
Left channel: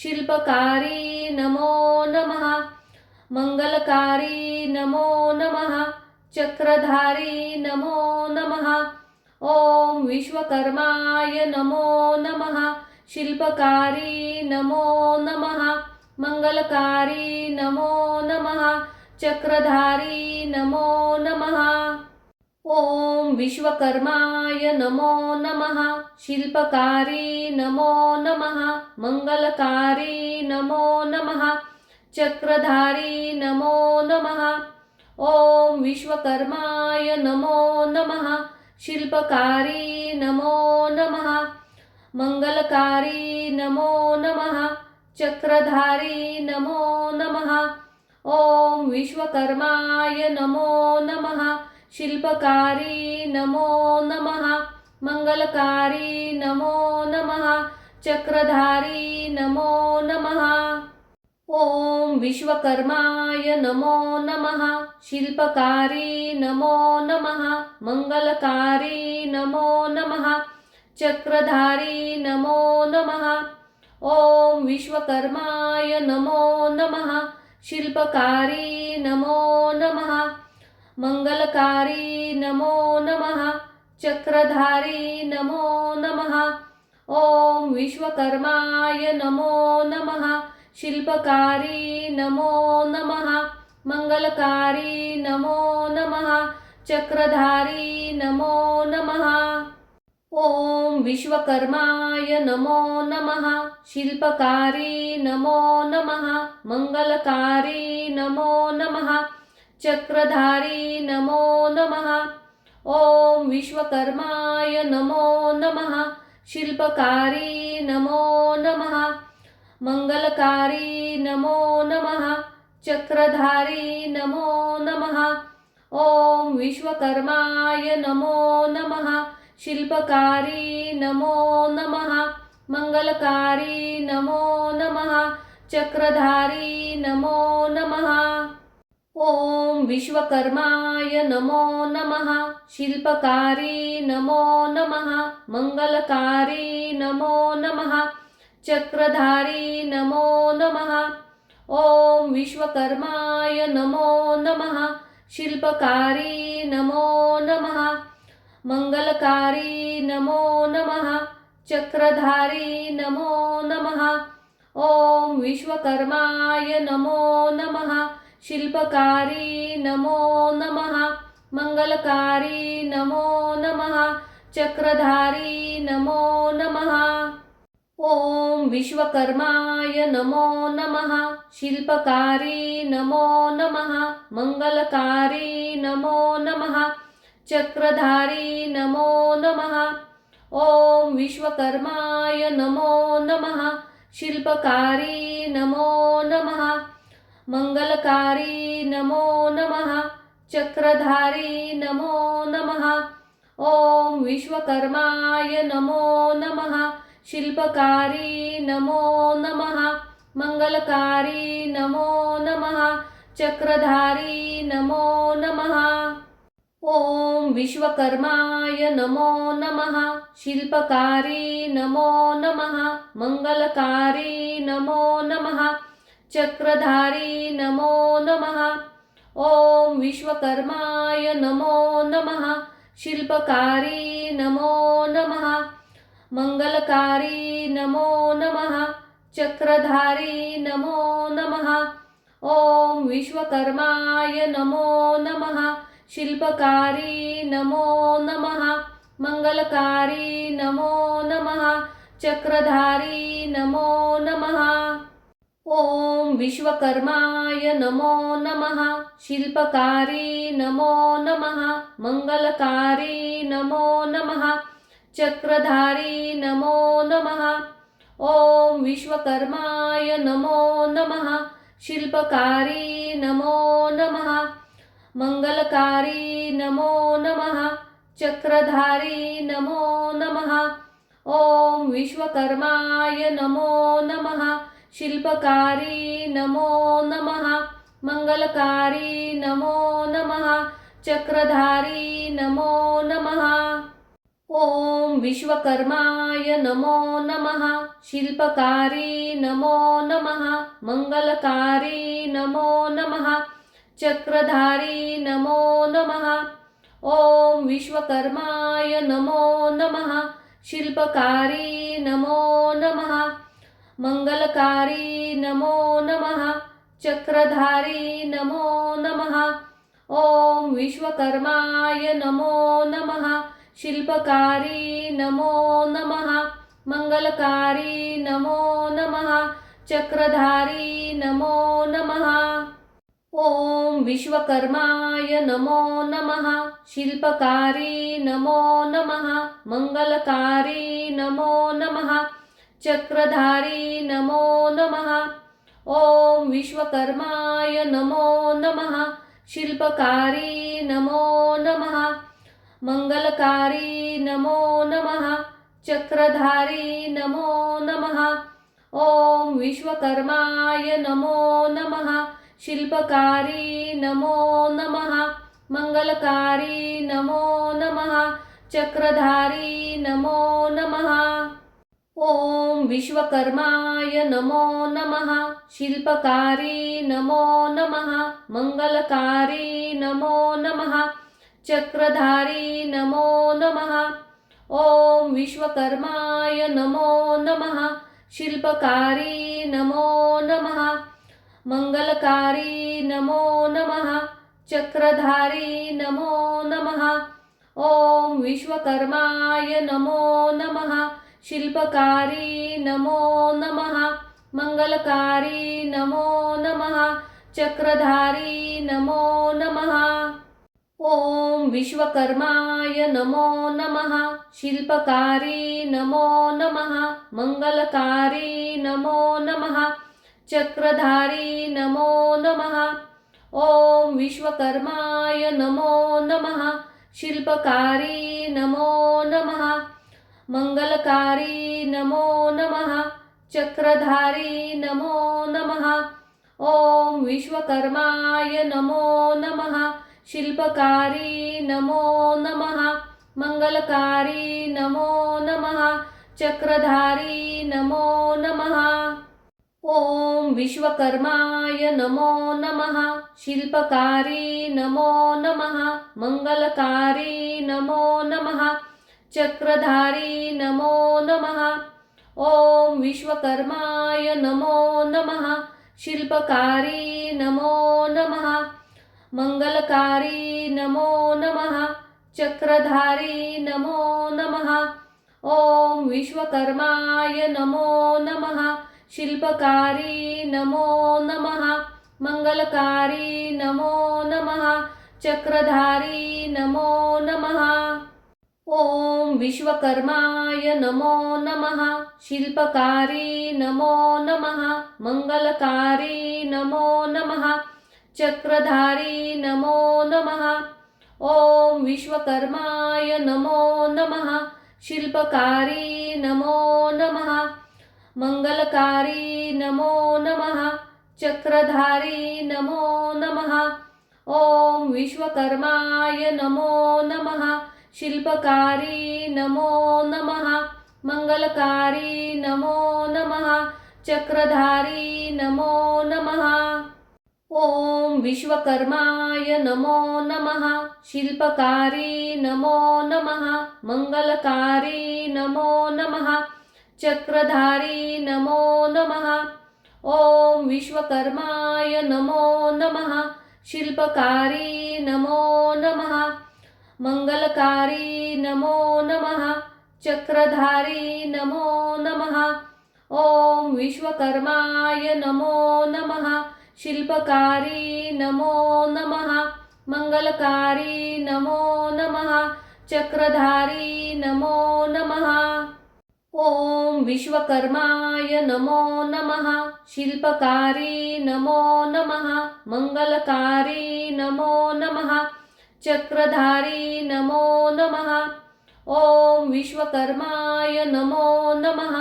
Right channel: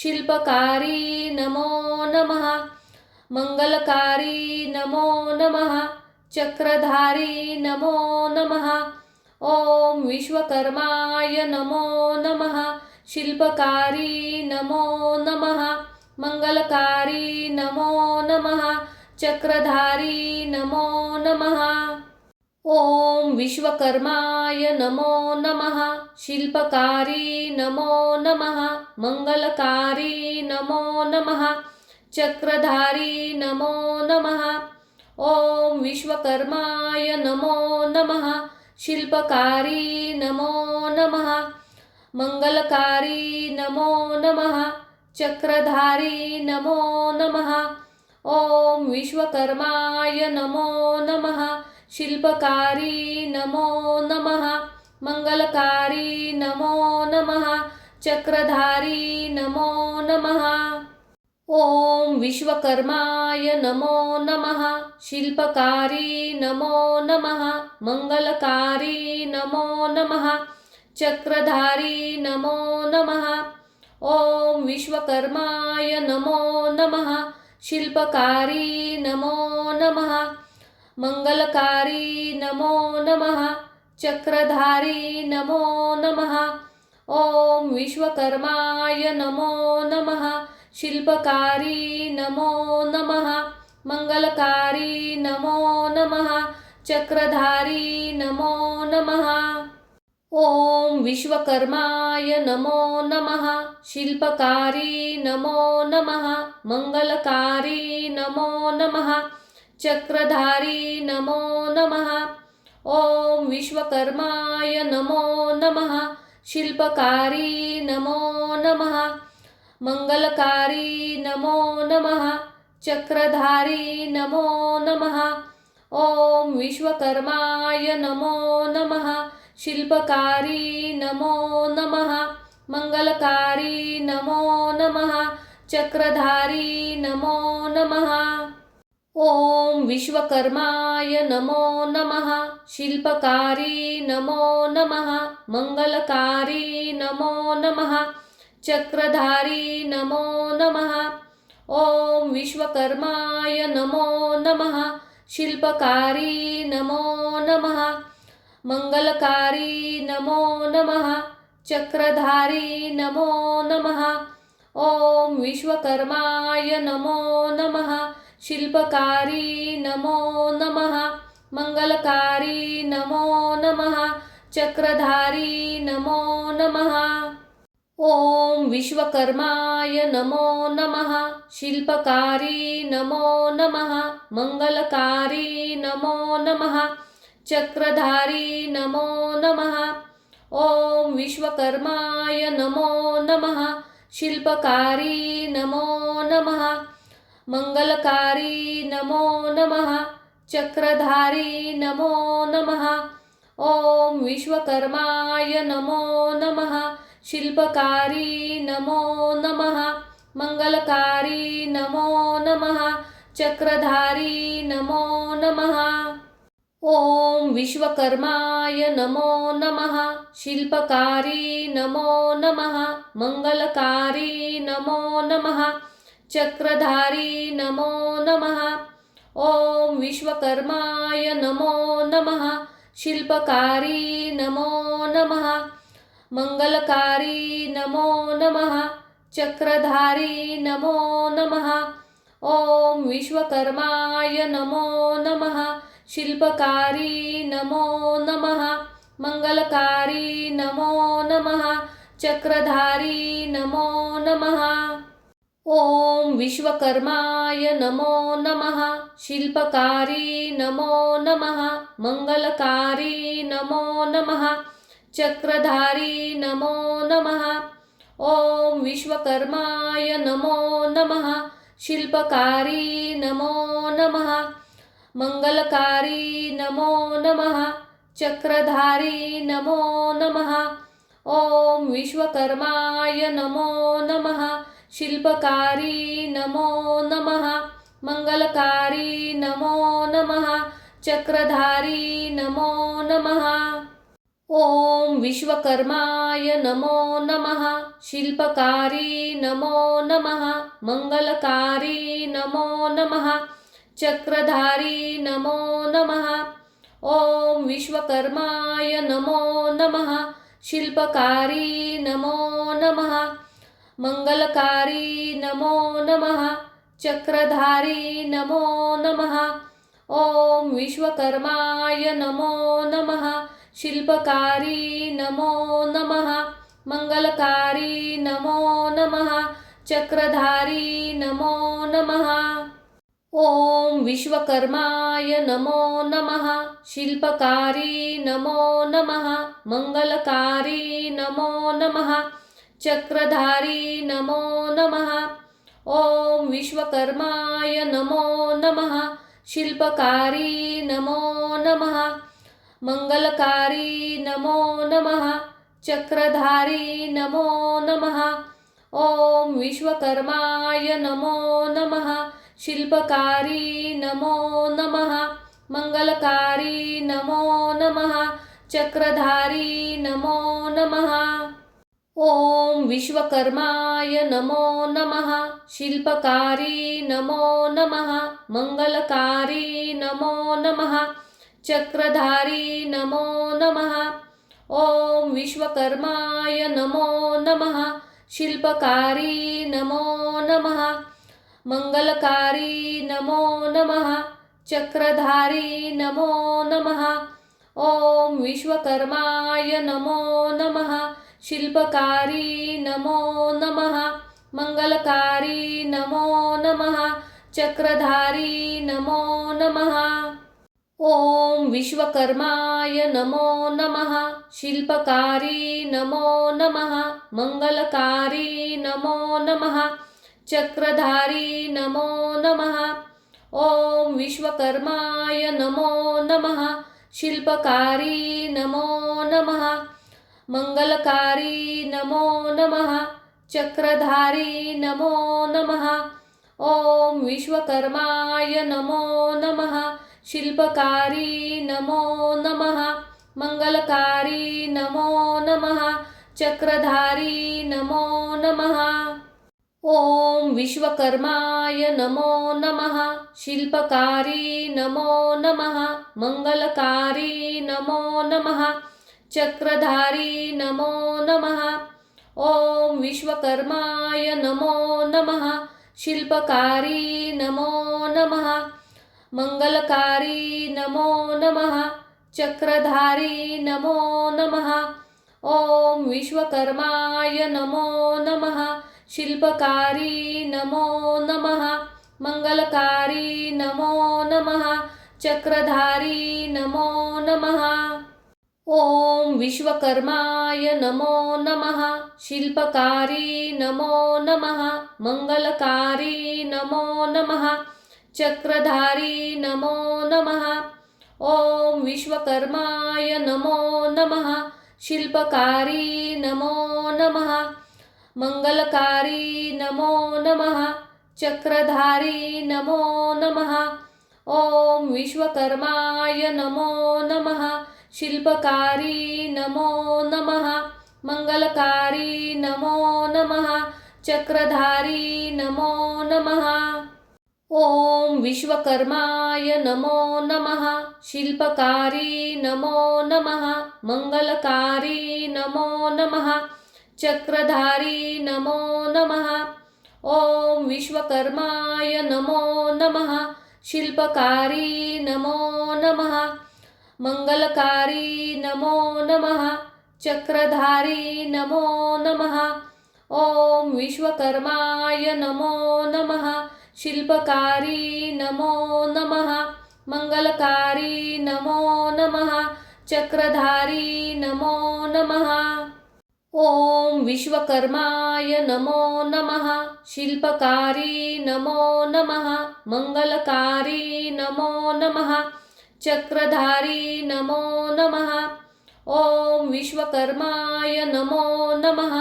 शिल्पकारी नमो नमः मंगलकारी नमो नमः चक्रधारी नमो नमः ओम विश्वकर्माय नमो नमः शिल्पकारी नमो नमः मंगलकारी नमो नमः चक्रधारी नमो नमः ओम विश्वकर्माय नमो नमः शिल्पकारी नमो नमः मंगलकारी नमो नमः चक्रधारी नमो नमः ओम विश्वकर्माय नमो नमः शिल्पकारी नमो नमः मंगलकारी नमो नमः चक्रधारी नमो नमः ओम विश्वकर्माय नमो नमः शिल्पकारी नमो नमः मंगलकारी नमो नमः चक्रधारी नमो नमः ओम विश्वकर्माय नमो नमः शिल्पकारी नमो नमः मंगलकारी नमो नमः चक्रधारी नमो नमः ओम विश्वकर्माय नमो नमः शिल्पकारी नमो नमः मंगलकारी नमो नमः चक्रधारी नमो नमः ओम विश्वकर्माय नमो नमः शिल्पकारी नमो नमः मंगलकारी नमो नमः चक्रधारी नमो नमः ओम विश्वकर्माय नमो नमः शिल्पकारी नमो नमः मंगलकारी नमो नमः चक्रधारी नमो नमः ओम विश्वकर्माय नमो नमः शिल्पकारी नमो नमः मंगलकारी नमो नमः चक्रधारी नमो नमः ओम विश्वकर्माय नमो नमः शिल्पकारी नमो नमः मंगलकारी नमो नमः चक्रधारी नमो नमः ओम विश्वकर्माय नमो नमः शिल्पकारी नमो नमः मंगलकारी नमो नमः चक्रधारी नमो नमः ओम विश्वकर्माय नमो नमः शिल्पकारी नमो नमः मंगलकारी नमो नमः चक्रधारी नमो नमः ओम विश्वकर्माय नमो नमः शिल्पकारी नमो नमः मंगलकारी नमो नमः चक्रधारी नमो नमः ओम विश्वकर्माय नमो नमः। शिल्पकारी नमो नमः। मंगलकारी नमो नमः। चक्रधारी नमो नमः। ओम विश्वकर्माय नमो नमः। शिल्पकारी नमो नमः। मंगलकारी नमो नमः। चक्रधारी नमो नमः। ओम विश्वकर्माय नमो नमः। शिल्पकारी नमो नमः। मंगलकारी नमो नमः। चक्रधारी नमो नमः। ओम विश्वकर्माय नमो नमः। शिल्पकारी नमो नमः। मंगलकारी नमो नमः। चक्रधारी नमो नमः। ओम विश्वकर्माय नमो नमः। शिल्पकारी नमो नमः। मंगलकारी नमो नमः। चक्रधारी नमो नमः। ओम विश्वकर्माय नमो नमः। शिल्पकारी नमो नमः। मंगलकारी नमो नमः। चक्रधारी नमो नमः। ओम विश्वकर्माय नमो नमः। शिल्पकारी नमो नमः। मंगलकारी नमो नमः। चक्रधारी नमो नमः। ओम विश्वकर्माय नमो नमः। शिल्पकारी नमो नमः। मंगलकारी नमो नमः। चक्रधारी नमो नमः। ओम विश्वकर्माय नमो नमः। शिल्पकारी नमो नमः। मंगलकारी नमो नमः। चक्रधारी नमो नमः। ओम विश्वकर्माय नमो नमः। शिल्पकारी नमो नमः। मंगलकारी नमो नमः। चक्रधारी नमो नमः। ओम विश्वकर्माय नमो नमः। शिल्पकारी नमो नमः। मंगलकारी नमो नमः। चक्रधारी नमो नमः। ओम विश्वकर्माय नमो नमः। शिल्पकारी नमो नमः। मंगलकारी नमो नमः। चक्रधारी नमो नमः। ओम विश्वकर्माय नमो नमः। शिल्पकारी नमो नमः। मंगलकारी नमो नमः। चक्रधारी नमो नमः। ओम विश्वकर्माय नमो नमः। शिल्पकारी नमो नमः। मंगलकारी नमो नमः। चक्रधारी नमो नमः। ओम विश्वकर्माय नमो नमः। शिल्पकारी नमो नमः। मंगलकारी नमो नमः। चक्रधारी नमो नमः। ओम विश्वकर्माय नमो नमः। शिल्पकारी नमो नमः। मंगलकारी नमो नमः। चक्रधारी नमो नमः। ओम विश्वकर्माय नमो नमः। शिल्पकारी नमो नमः। मंगलकारी नमो नमः। चक्रधारी नमो नमः। ओम विश्वकर्माय नमो नमः। शिल्पकारी नमो नमः। मंगलकारी नमो नमः। चक्रधारी नमो नमः। ओम विश्वकर्माय नमो नमः। शिल्पकारी नमो नमः। मंगलकारी नमो नमः। चक्रधारी नमो नमः। ओम विश्वकर्माय नमो नमः। शिल्पकारी नमो नमः। मंगलकारी नमो नमः। चक्रधारी नमो नमः। ओम विश्वकर्माय नमो नमः। शिल्पकारी नमो नमः। मंगलकारी नमो नमः। चक्रधारी नमो नमः। ओम विश्वकर्माय नमो नमः। शिल्पकारी नमो नमः। मंगलकारी नमो नमः। चक्रधारी नमो नमः। ओम विश्वकर्माय नमो नमः। शिल्पकारी नमो नमः। मंगलकारी नमो नमः। चक्रधारी नमो नमः। ओम विश्वकर्माय नमो नमः शिल्पकारी नमो नमः मंगलकारी नमो नमः चक्रधारी नमो नमः ओम विश्वकर्माय नमो नमः शिल्पकारी नमो नमः मंगलकारी नमो नमः चक्रधारी नमो नमः ओम विश्वकर्माय नमो नमः शिल्पकारी नमो नमः मंगलकारी नमो नमः चक्रधारी नमो नमः ओम विश्वकर्माय नमो नमः शिल्पकारी नमो नमः मंगलकारी नमो नमः चक्रधारी नमो नमः ओम विश्वकर्माय नमो नमः शिल्पकारी नमो नमः मंगलकारी नमो नमः चक्रधारी नमो नमः ओम विश्वकर्माय नमो नमः शिल्पकारी नमो नमः मंगलकारी नमो नमः चक्रधारी नमो नमः ओम विश्वकर्माय नमो नमः शिल्पकारी नमो नमः मंगलकारी नमो नमः चक्रधारी नमो नमः ओम विश्वकर्माय नमो नमः शिल्पकारी नमो नमः मंगलकारी नमो नमः चक्रधारी नमो नमः ओम विश्वकर्माय नमो नमः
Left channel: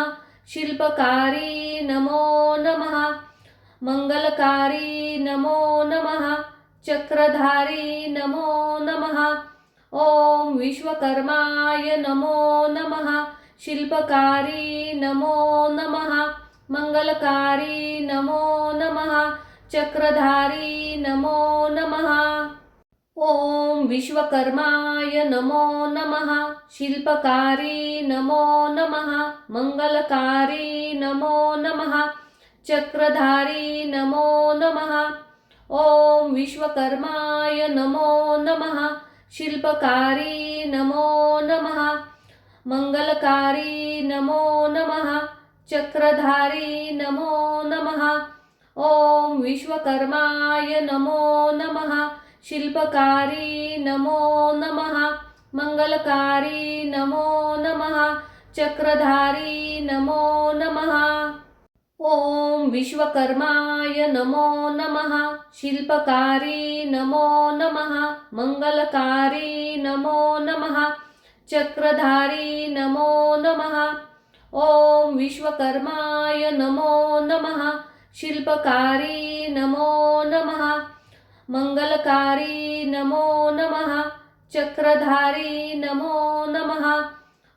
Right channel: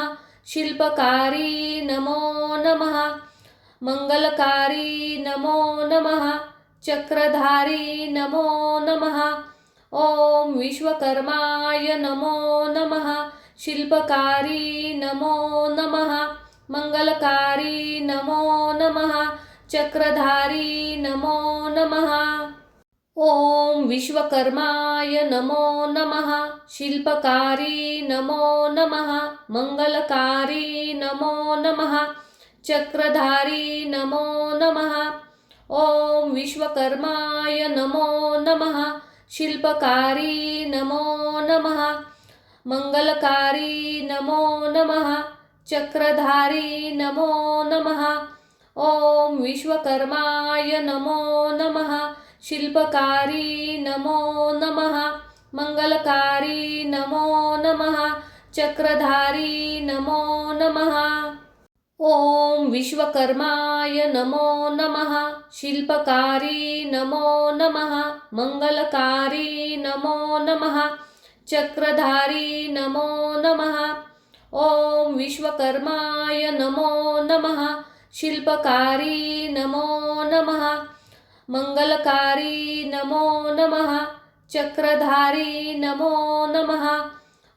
शिल्पकारी नमो नमः मंगलकारी नमो नमः चक्रधारी नमो नमः ओम विश्वकर्माय नमो नमः शिल्पकारी नमो नमः मंगलकारी नमो नमः चक्रधारी नमो नमः ओम विश्वकर्माय नमो नमः शिल्पकारी नमो नमः मंगलकारी नमो नमः चक्रधारी नमो नमः ओम विश्वकर्माय नमो नमः शिल्पकारी नमो नमः मंगलकारी नमो नमः चक्रधारी नमो नमः ओम विश्वकर्माय नमो नमः शिल्पकारी नमो नमः मंगलकारी नमो नमः चक्रधारी नमो नमः ओम विश्वकर्माय नमो नमः शिल्पकारी नमो नमः मंगलकारी नमो नमः चक्रधारी नमो नमः ओम विश्वकर्माय नमो नमः शिल्पकारी नमो नमः मंगलकारी नमो नमः चक्रधारी नमो नमः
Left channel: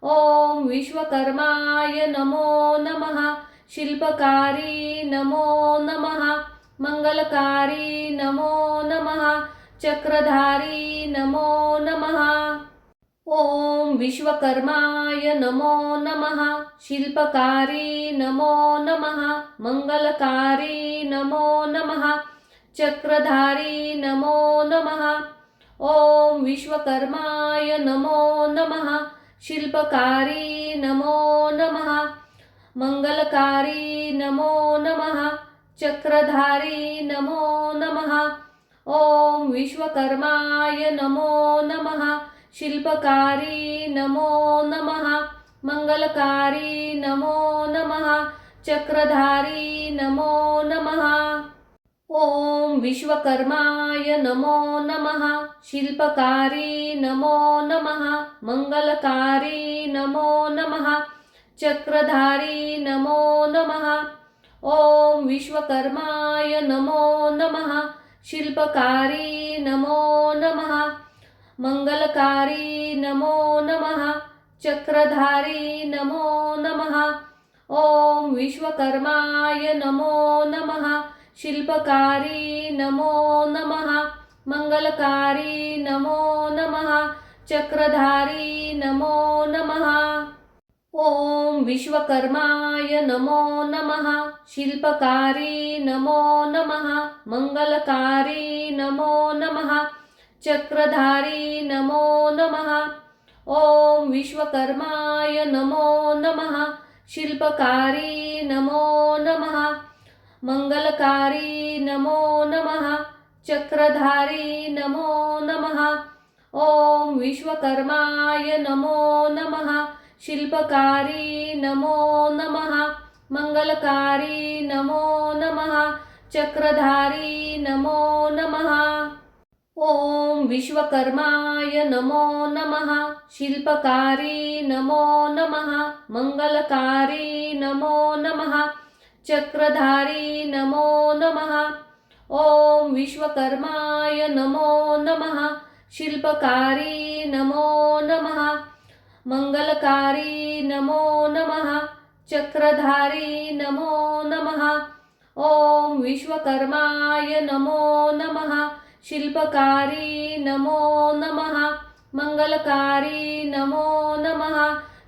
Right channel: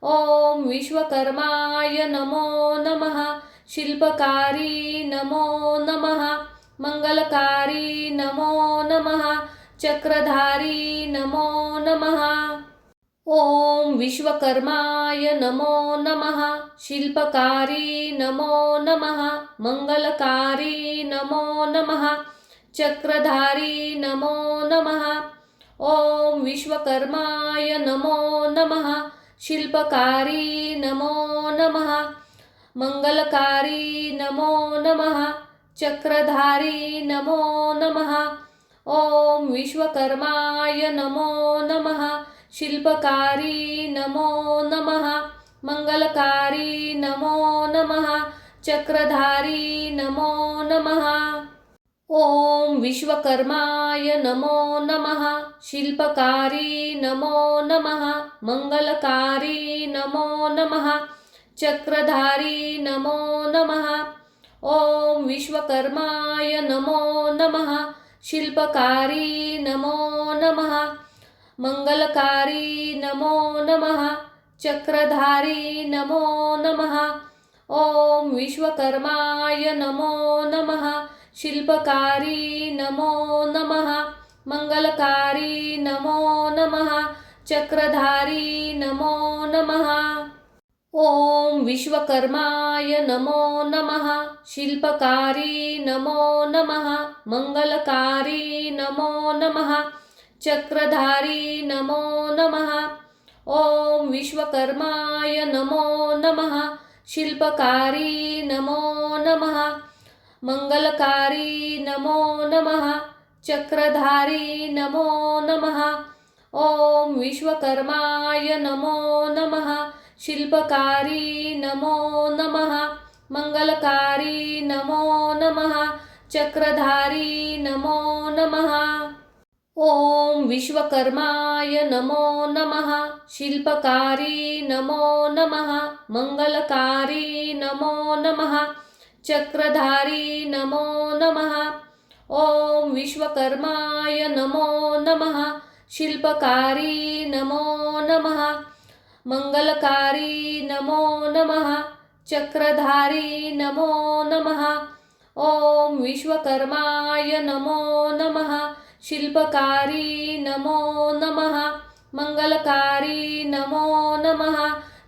ओम विश्वकर्माय नमो नमः शिल्पकारी नमो नमः मंगलकारी नमो नमः चक्रधारी नमो नमः ओम विश्वकर्माय नमो नमः शिल्पकारी नमो नमः मंगलकारी नमो नमः चक्रधारी नमो नमः ओम विश्वकर्माय नमो नमः शिल्पकारी नमो नमः मंगलकारी नमो नमः चक्रधारी नमो नमः ओम विश्वकर्माय नमो नमः शिल्पकारी नमो नमः मंगलकारी नमो नमः चक्रधारी नमो नमः ओम विश्वकर्माय नमो नमः शिल्पकारी नमो नमः मंगलकारी नमो नमः चक्रधारी नमो नमः ओम विश्वकर्माय नमो नमः शिल्पकारी नमो नमः मंगलकारी नमो नमः चक्रधारी नमो नमः ओम विश्वकर्माय नमो नमः शिल्पकारी नमो नमः मंगलकारी नमो नमः चक्रधारी नमो नमः ओम विश्वकर्माय नमो नमः शिल्पकारी नमो नमः मंगलकारी नमो नमः चक्रधारी नमो नमः ओम विश्वकर्माय नमो नमः शिल्पकारी नमो नमः मंगलकारी नमो नमः चक्रधारी नमो नमः ओम विश्वकर्माय नमो नमः शिल्पकारी नमो नमः मंगलकारी नमो नमः चक्रधारी नमो नमः ओम विश्वकर्माय नमो नमः शिल्पकारी नमो नमः मंगलकारी नमो नमः चक्रधारी नमो नमः ओम विश्वकर्माय नमो नमः शिल्पकारी नमो नमः मंगलकारी नमो नमः चक्रधारी नमो नमः ओम विश्वकर्माय नमो नमः शिल्पकारी नमो नमः मंगलकारी नमो नमः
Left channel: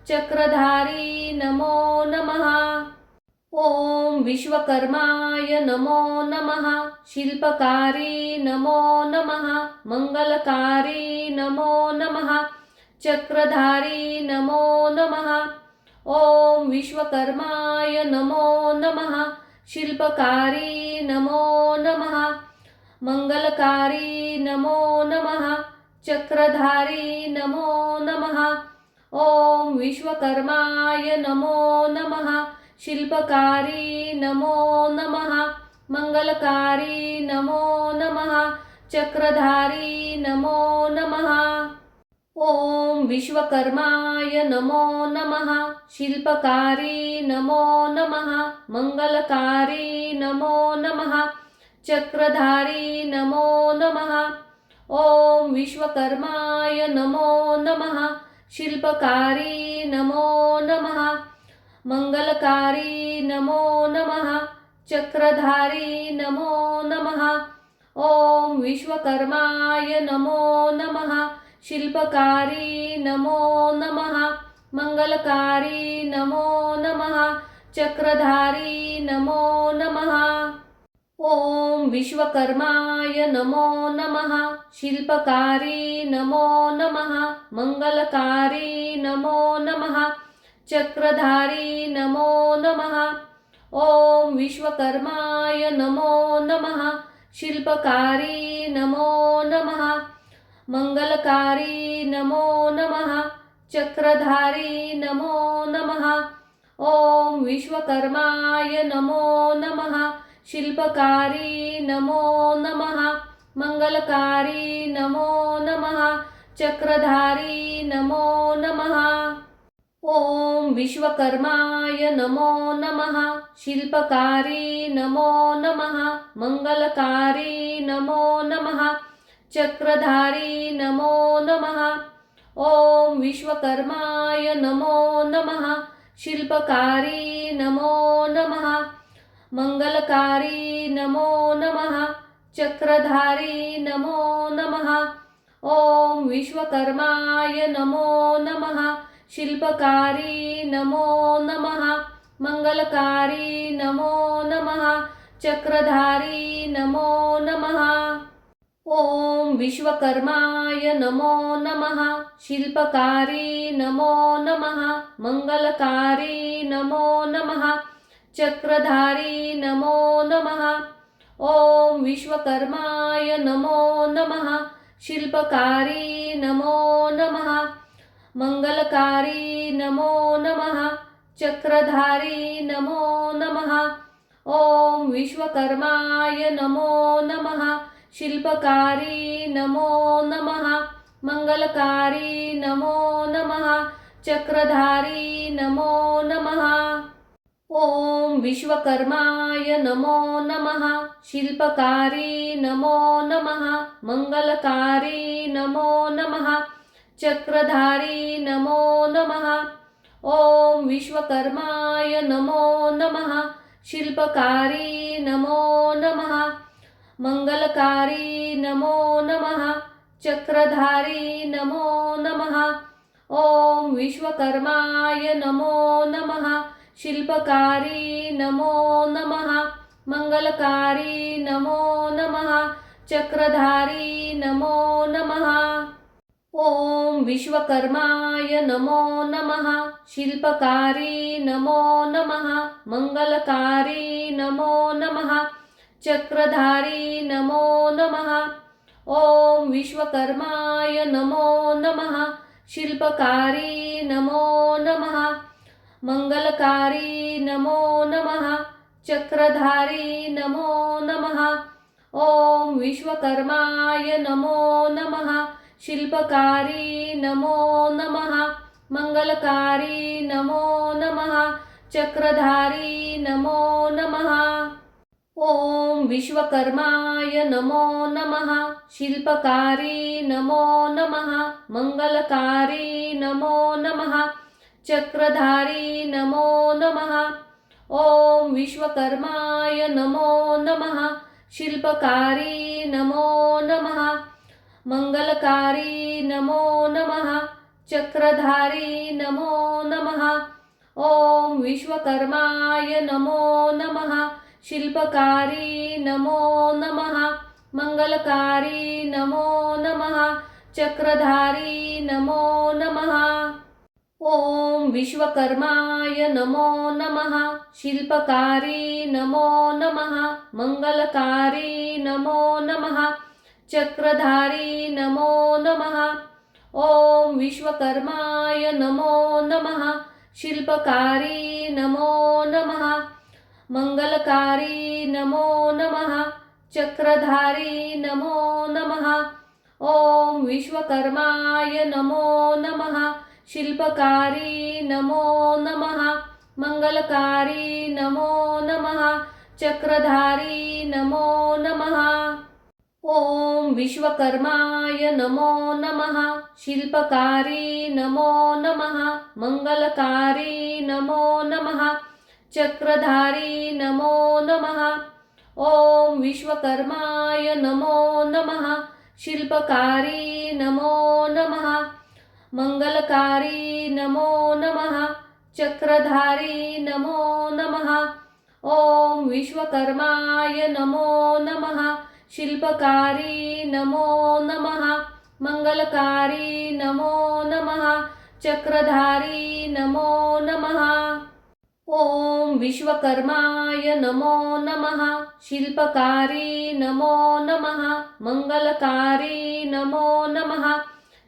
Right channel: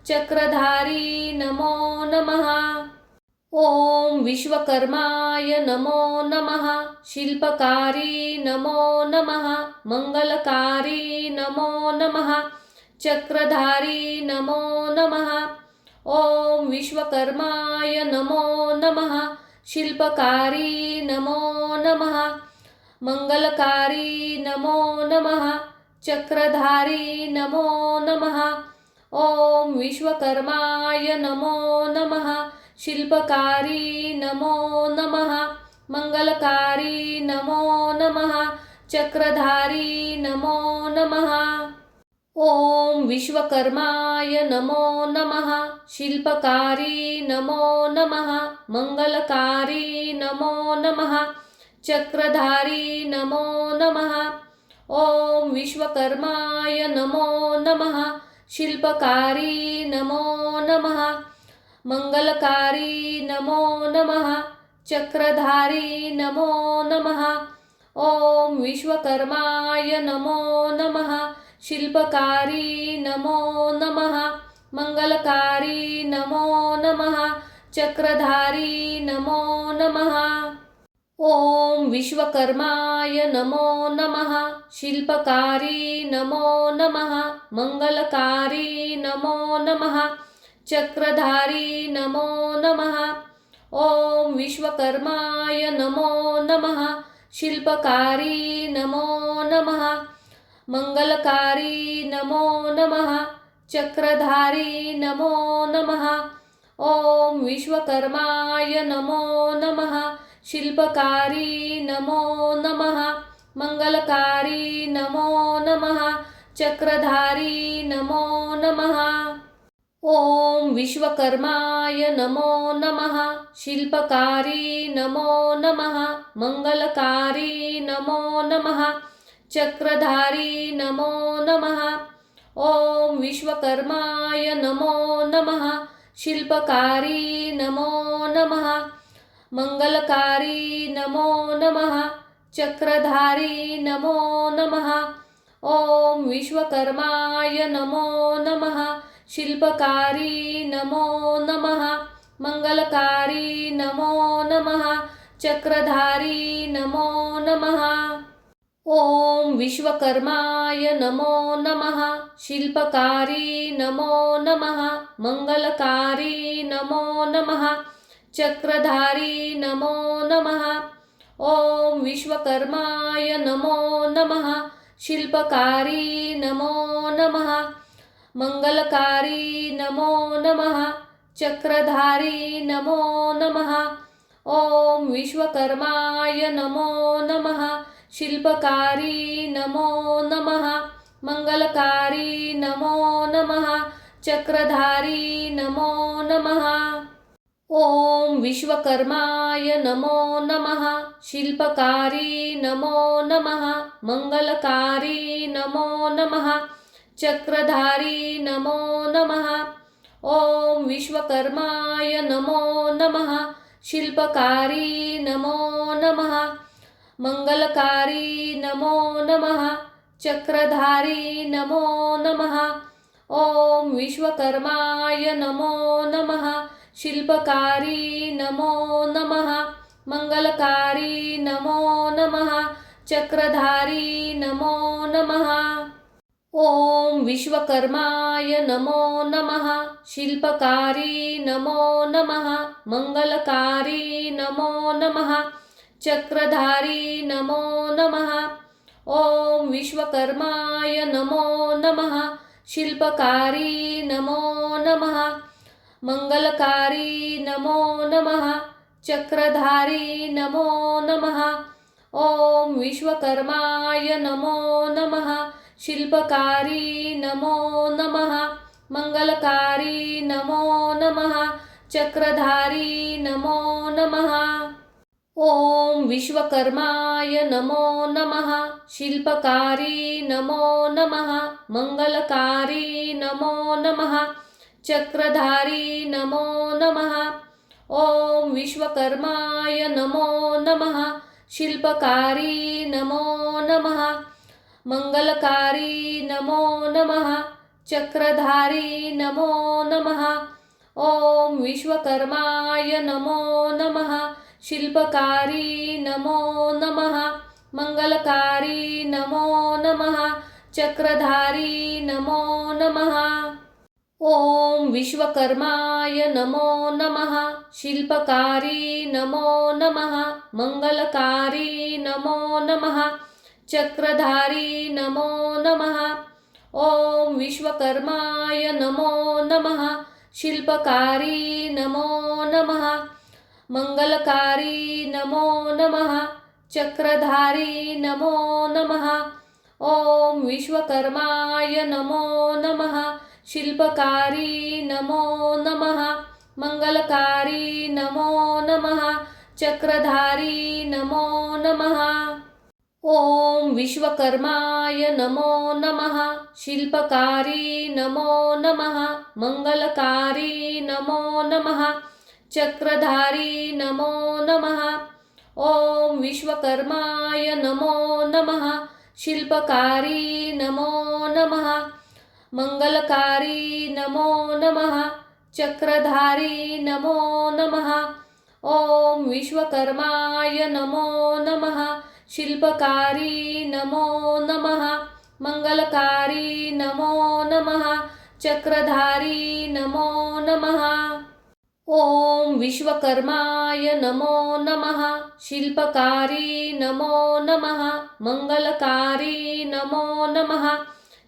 चक्रधारी नमो नमः ओम विश्वकर्माय नमो नमः शिल्पकारी नमो नमः मंगलकारी नमो नमः चक्रधारी नमो नमः ओम विश्वकर्माय नमो नमः शिल्पकारी नमो नमः मंगलकारी नमो नमः चक्रधारी नमो नमः ओम विश्वकर्माय नमो नमः शिल्पकारी नमो नमः मंगलकारी नमो नमः चक्रधारी नमो नमः ओम विश्वकर्माय नमो नमः शिल्पकारी नमो नमः मंगलकारी नमो नमः चक्रधारी नमो नमः ओम विश्वकर्माय नमो नमः शिल्पकारी नमो नमः मंगलकारी नमो नमः चक्रधारी नमो नमः ओम विश्वकर्माय नमो नमः शिल्पकारी नमो नमः मंगलकारी नमो नमः चक्रधारी नमो नमः ओम विश्वकर्माय नमो नमः शिल्पकारी नमो नमः मंगलकारी नमो नमः चक्रधारी नमो नमः ओम विश्वकर्माय नमो नमः शिल्पकारी नमो नमः मंगलकारी नमो नमः चक्रधारी नमो नमः ओम विश्वकर्माय नमो नमः शिल्पकारी नमो नमः मंगलकारी नमो नमः चक्रधारी नमो नमः ओम विश्वकर्माय नमो नमः शिल्पकारी नमो नमः मंगलकारी नमो नमः चक्रधारी नमो नमः ओम विश्वकर्माय नमो नमः शिल्पकारी नमो नमः मंगलकारी नमो नमः चक्रधारी नमो नमः ओम विश्वकर्माय नमो नमः शिल्पकारी नमो नमः मंगलकारी नमो नमः चक्रधारी नमो नमः ओम विश्वकर्माय नमो नमः शिल्पकारी नमो नमः मंगलकारी नमो नमः चक्रधारी नमो नमः ओम विश्वकर्माय नमो नमः शिल्पकारी नमो नमः मंगलकारी नमो नमः चक्रधारी नमो नमः ओम विश्वकर्माय नमो नमः शिल्पकारी नमो नमः मंगलकारी नमो नमः चक्रधारी नमो नमः ओम विश्वकर्माय नमो नमः शिल्पकारी नमो नमः मंगलकारी नमो नमः चक्रधारी नमो नमः ओम विश्वकर्माय नमो नमः शिल्पकारी नमो नमः मंगलकारी नमो नमः चक्रधारी नमो नमः ओम विश्वकर्माय नमो नमः शिल्पकारी नमो नमः मंगलकारी नमो नमः चक्रधारी नमो नमः ओम विश्वकर्माय नमो नमः। शिल्पकारी नमो नमः। मंगलकारी नमो नमः। चक्रधारी नमो नमः। ओम विश्वकर्माय नमो नमः। शिल्पकारी नमो नमः। मंगलकारी नमो नमः। चक्रधारी नमो नमः। ओम विश्वकर्माय नमो नमः। शिल्पकारी नमो नमः। मंगलकारी नमो नमः। चक्रधारी नमो नमः। ओम विश्वकर्माय नमो नमः। शिल्पकारी नमो नमः। मंगलकारी नमो नमः। चक्रधारी नमो नमः। ओम विश्वकर्माय नमो नमः। शिल्पकारी नमो नमः। मंगलकारी नमो नमः। चक्रधारी नमो नमः। ओम विश्वकर्माय नमो नमः। शिल्पकारी नमो नमः। मंगलकारी नमो नमः। चक्रधारी नमो नमः। ओम विश्वकर्माय नमो नमः। शिल्पकारी नमो नमः। मंगलकारी नमो नमः। चक्रधारी नमो नमः। ओम विश्वकर्माय नमो नमः। शिल्पकारी नमो नमः। मंगलकारी नमो नमः। चक्रधारी नमो नमः। ओम विश्वकर्माय नमो नमः। शिल्पकारी नमो नमः। मंगलकारी नमो नमः। चक्रधारी नमो नमः। ओम विश्वकर्माय नमो नमः। शिल्पकारी नमो नमः। मंगलकारी नमो नमः। चक्रधारी नमो नमः। ओम विश्वकर्माय नमो नमः। शिल्पकारी नमो नमः। मंगलकारी नमो नमः। चक्रधारी नमो नमः। ओम विश्वकर्माय नमो नमः। शिल्पकारी नमो नमः। मंगलकारी नमो नमः। चक्रधारी नमो नमः। ओम विश्वकर्माय नमो नमः। शिल्पकारी नमो नमः। मंगलकारी नमो नमः।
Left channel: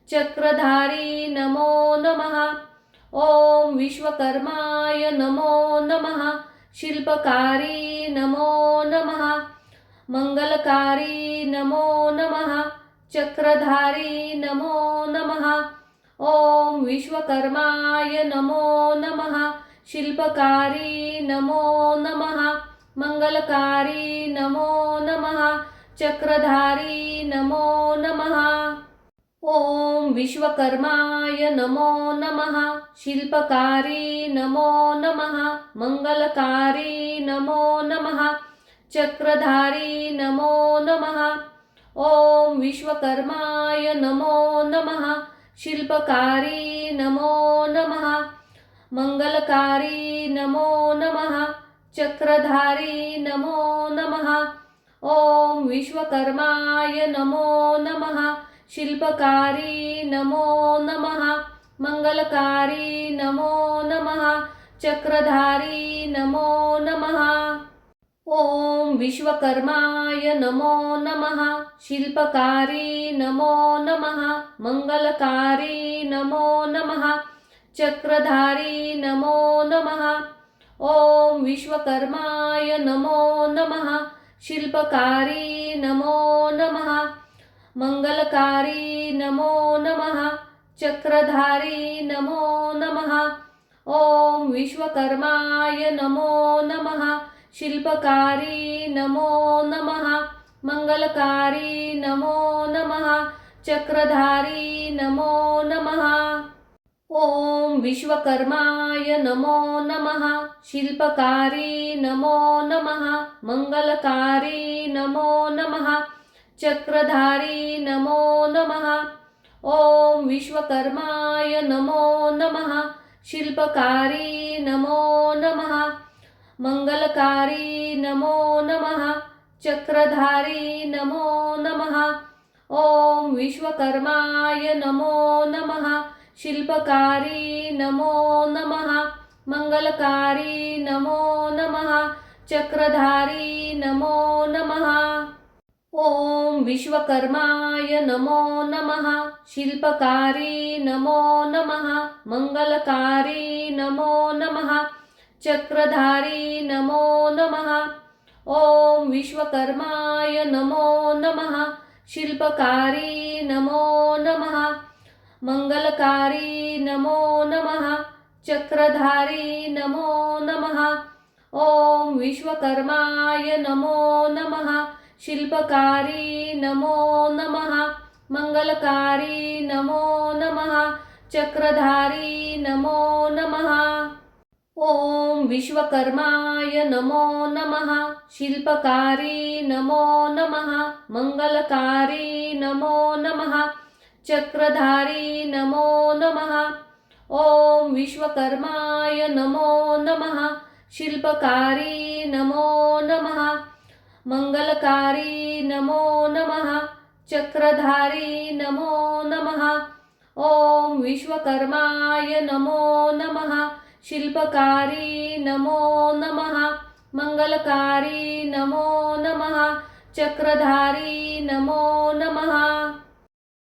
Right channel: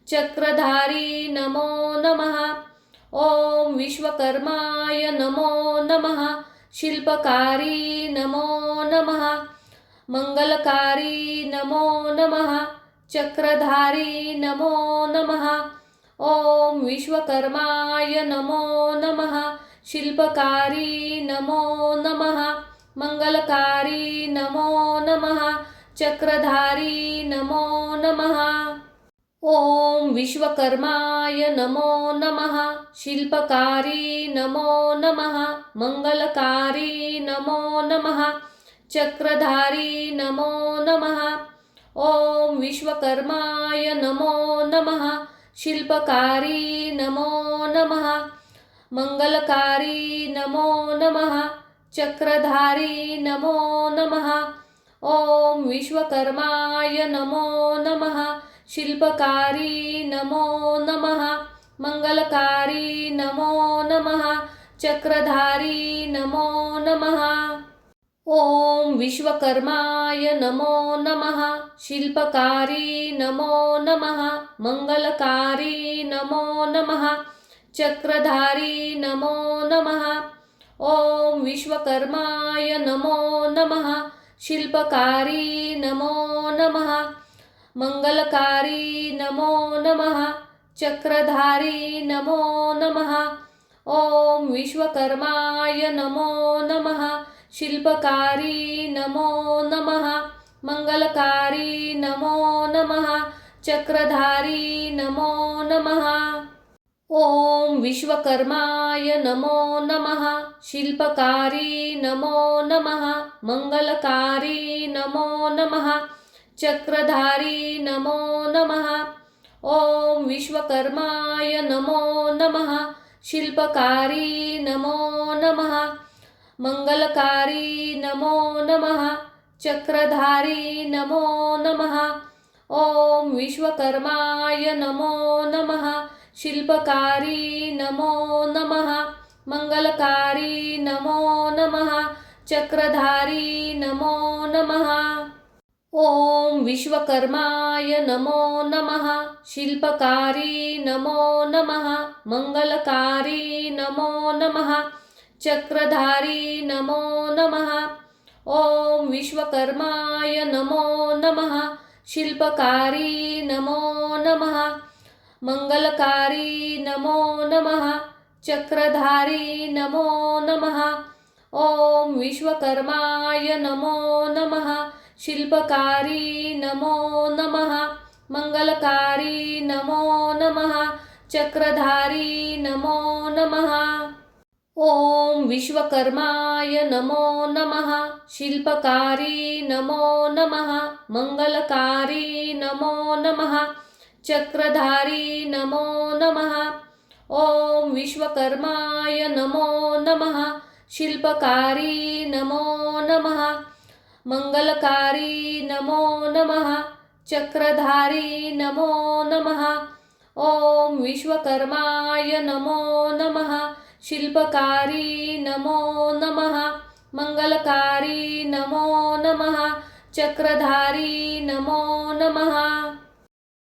चक्रधारी नमो नमः। ओम विश्वकर्माय नमो नमः। शिल्पकारी नमो नमः। मंगलकारी नमो नमः। चक्रधारी नमो नमः। ओम विश्वकर्माय नमो नमः। शिल्पकारी नमो नमः। मंगलकारी नमो नमः। चक्रधारी नमो नमः। ओम विश्वकर्माय नमो नमः। शिल्पकारी नमो नमः। मंगलकारी नमो नमः। चक्रधारी नमो नमः। ओम विश्वकर्माय नमो नमः। शिल्पकारी नमो नमः। मंगलकारी नमो नमः। चक्रधारी नमो नमः। ओम विश्वकर्माय नमो नमः। शिल्पकारी नमो नमः। मंगलकारी नमो नमः। चक्रधारी नमो नमः। ओम विश्वकर्माय नमो नमः। शिल्पकारी नमो नमः। मंगलकारी नमो नमः। चक्रधारी नमो नमः। ओम विश्वकर्माय नमो नमः। शिल्पकारी नमो नमः। मंगलकारी नमो नमः। चक्रधारी नमो नमः। ओम विश्वकर्माय नमो नमः। शिल्पकारी नमो नमः। मंगलकारी नमो नमः। चक्रधारी नमो नमः। ओम विश्वकर्माय नमो नमः। शिल्पकारी नमो नमः। मंगलकारी नमो नमः। चक्रधारी नमो नमः। ओम विश्वकर्माय नमो नमः। शिल्पकारी नमो नमः। मंगलकारी नमो नमः। चक्रधारी नमो नमः। ओम विश्वकर्माय नमो नमः शिल्पकारी नमो नमः मंगलकारी नमो नमः चक्रधारी नमो नमः ओम विश्वकर्माय नमो नमः शिल्पकारी नमो नमः मंगलकारी नमो नमः चक्रधारी नमो नमः ओम विश्वकर्माय नमो नमः शिल्पकारी नमो नमः मंगलकारी नमो नमः चक्रधारी नमो नमः ओम विश्वकर्माय नमो नमः शिल्पकारी नमो नमः मंगलकारी नमो नमः चक्रधारी नमो नमः ओम विश्वकर्माय नमो नमः शिल्पकारी नमो नमः मंगलकारी नमो नमः चक्रधारी नमो नमः ओम विश्वकर्माय नमो नमः शिल्पकारी नमो नमः मंगलकारी नमो नमः चक्रधारी नमो नमः ओम विश्वकर्माय नमो नमः शिल्पकारी नमो नमः मंगलकारी नमो नमः चक्रधारी नमो नमः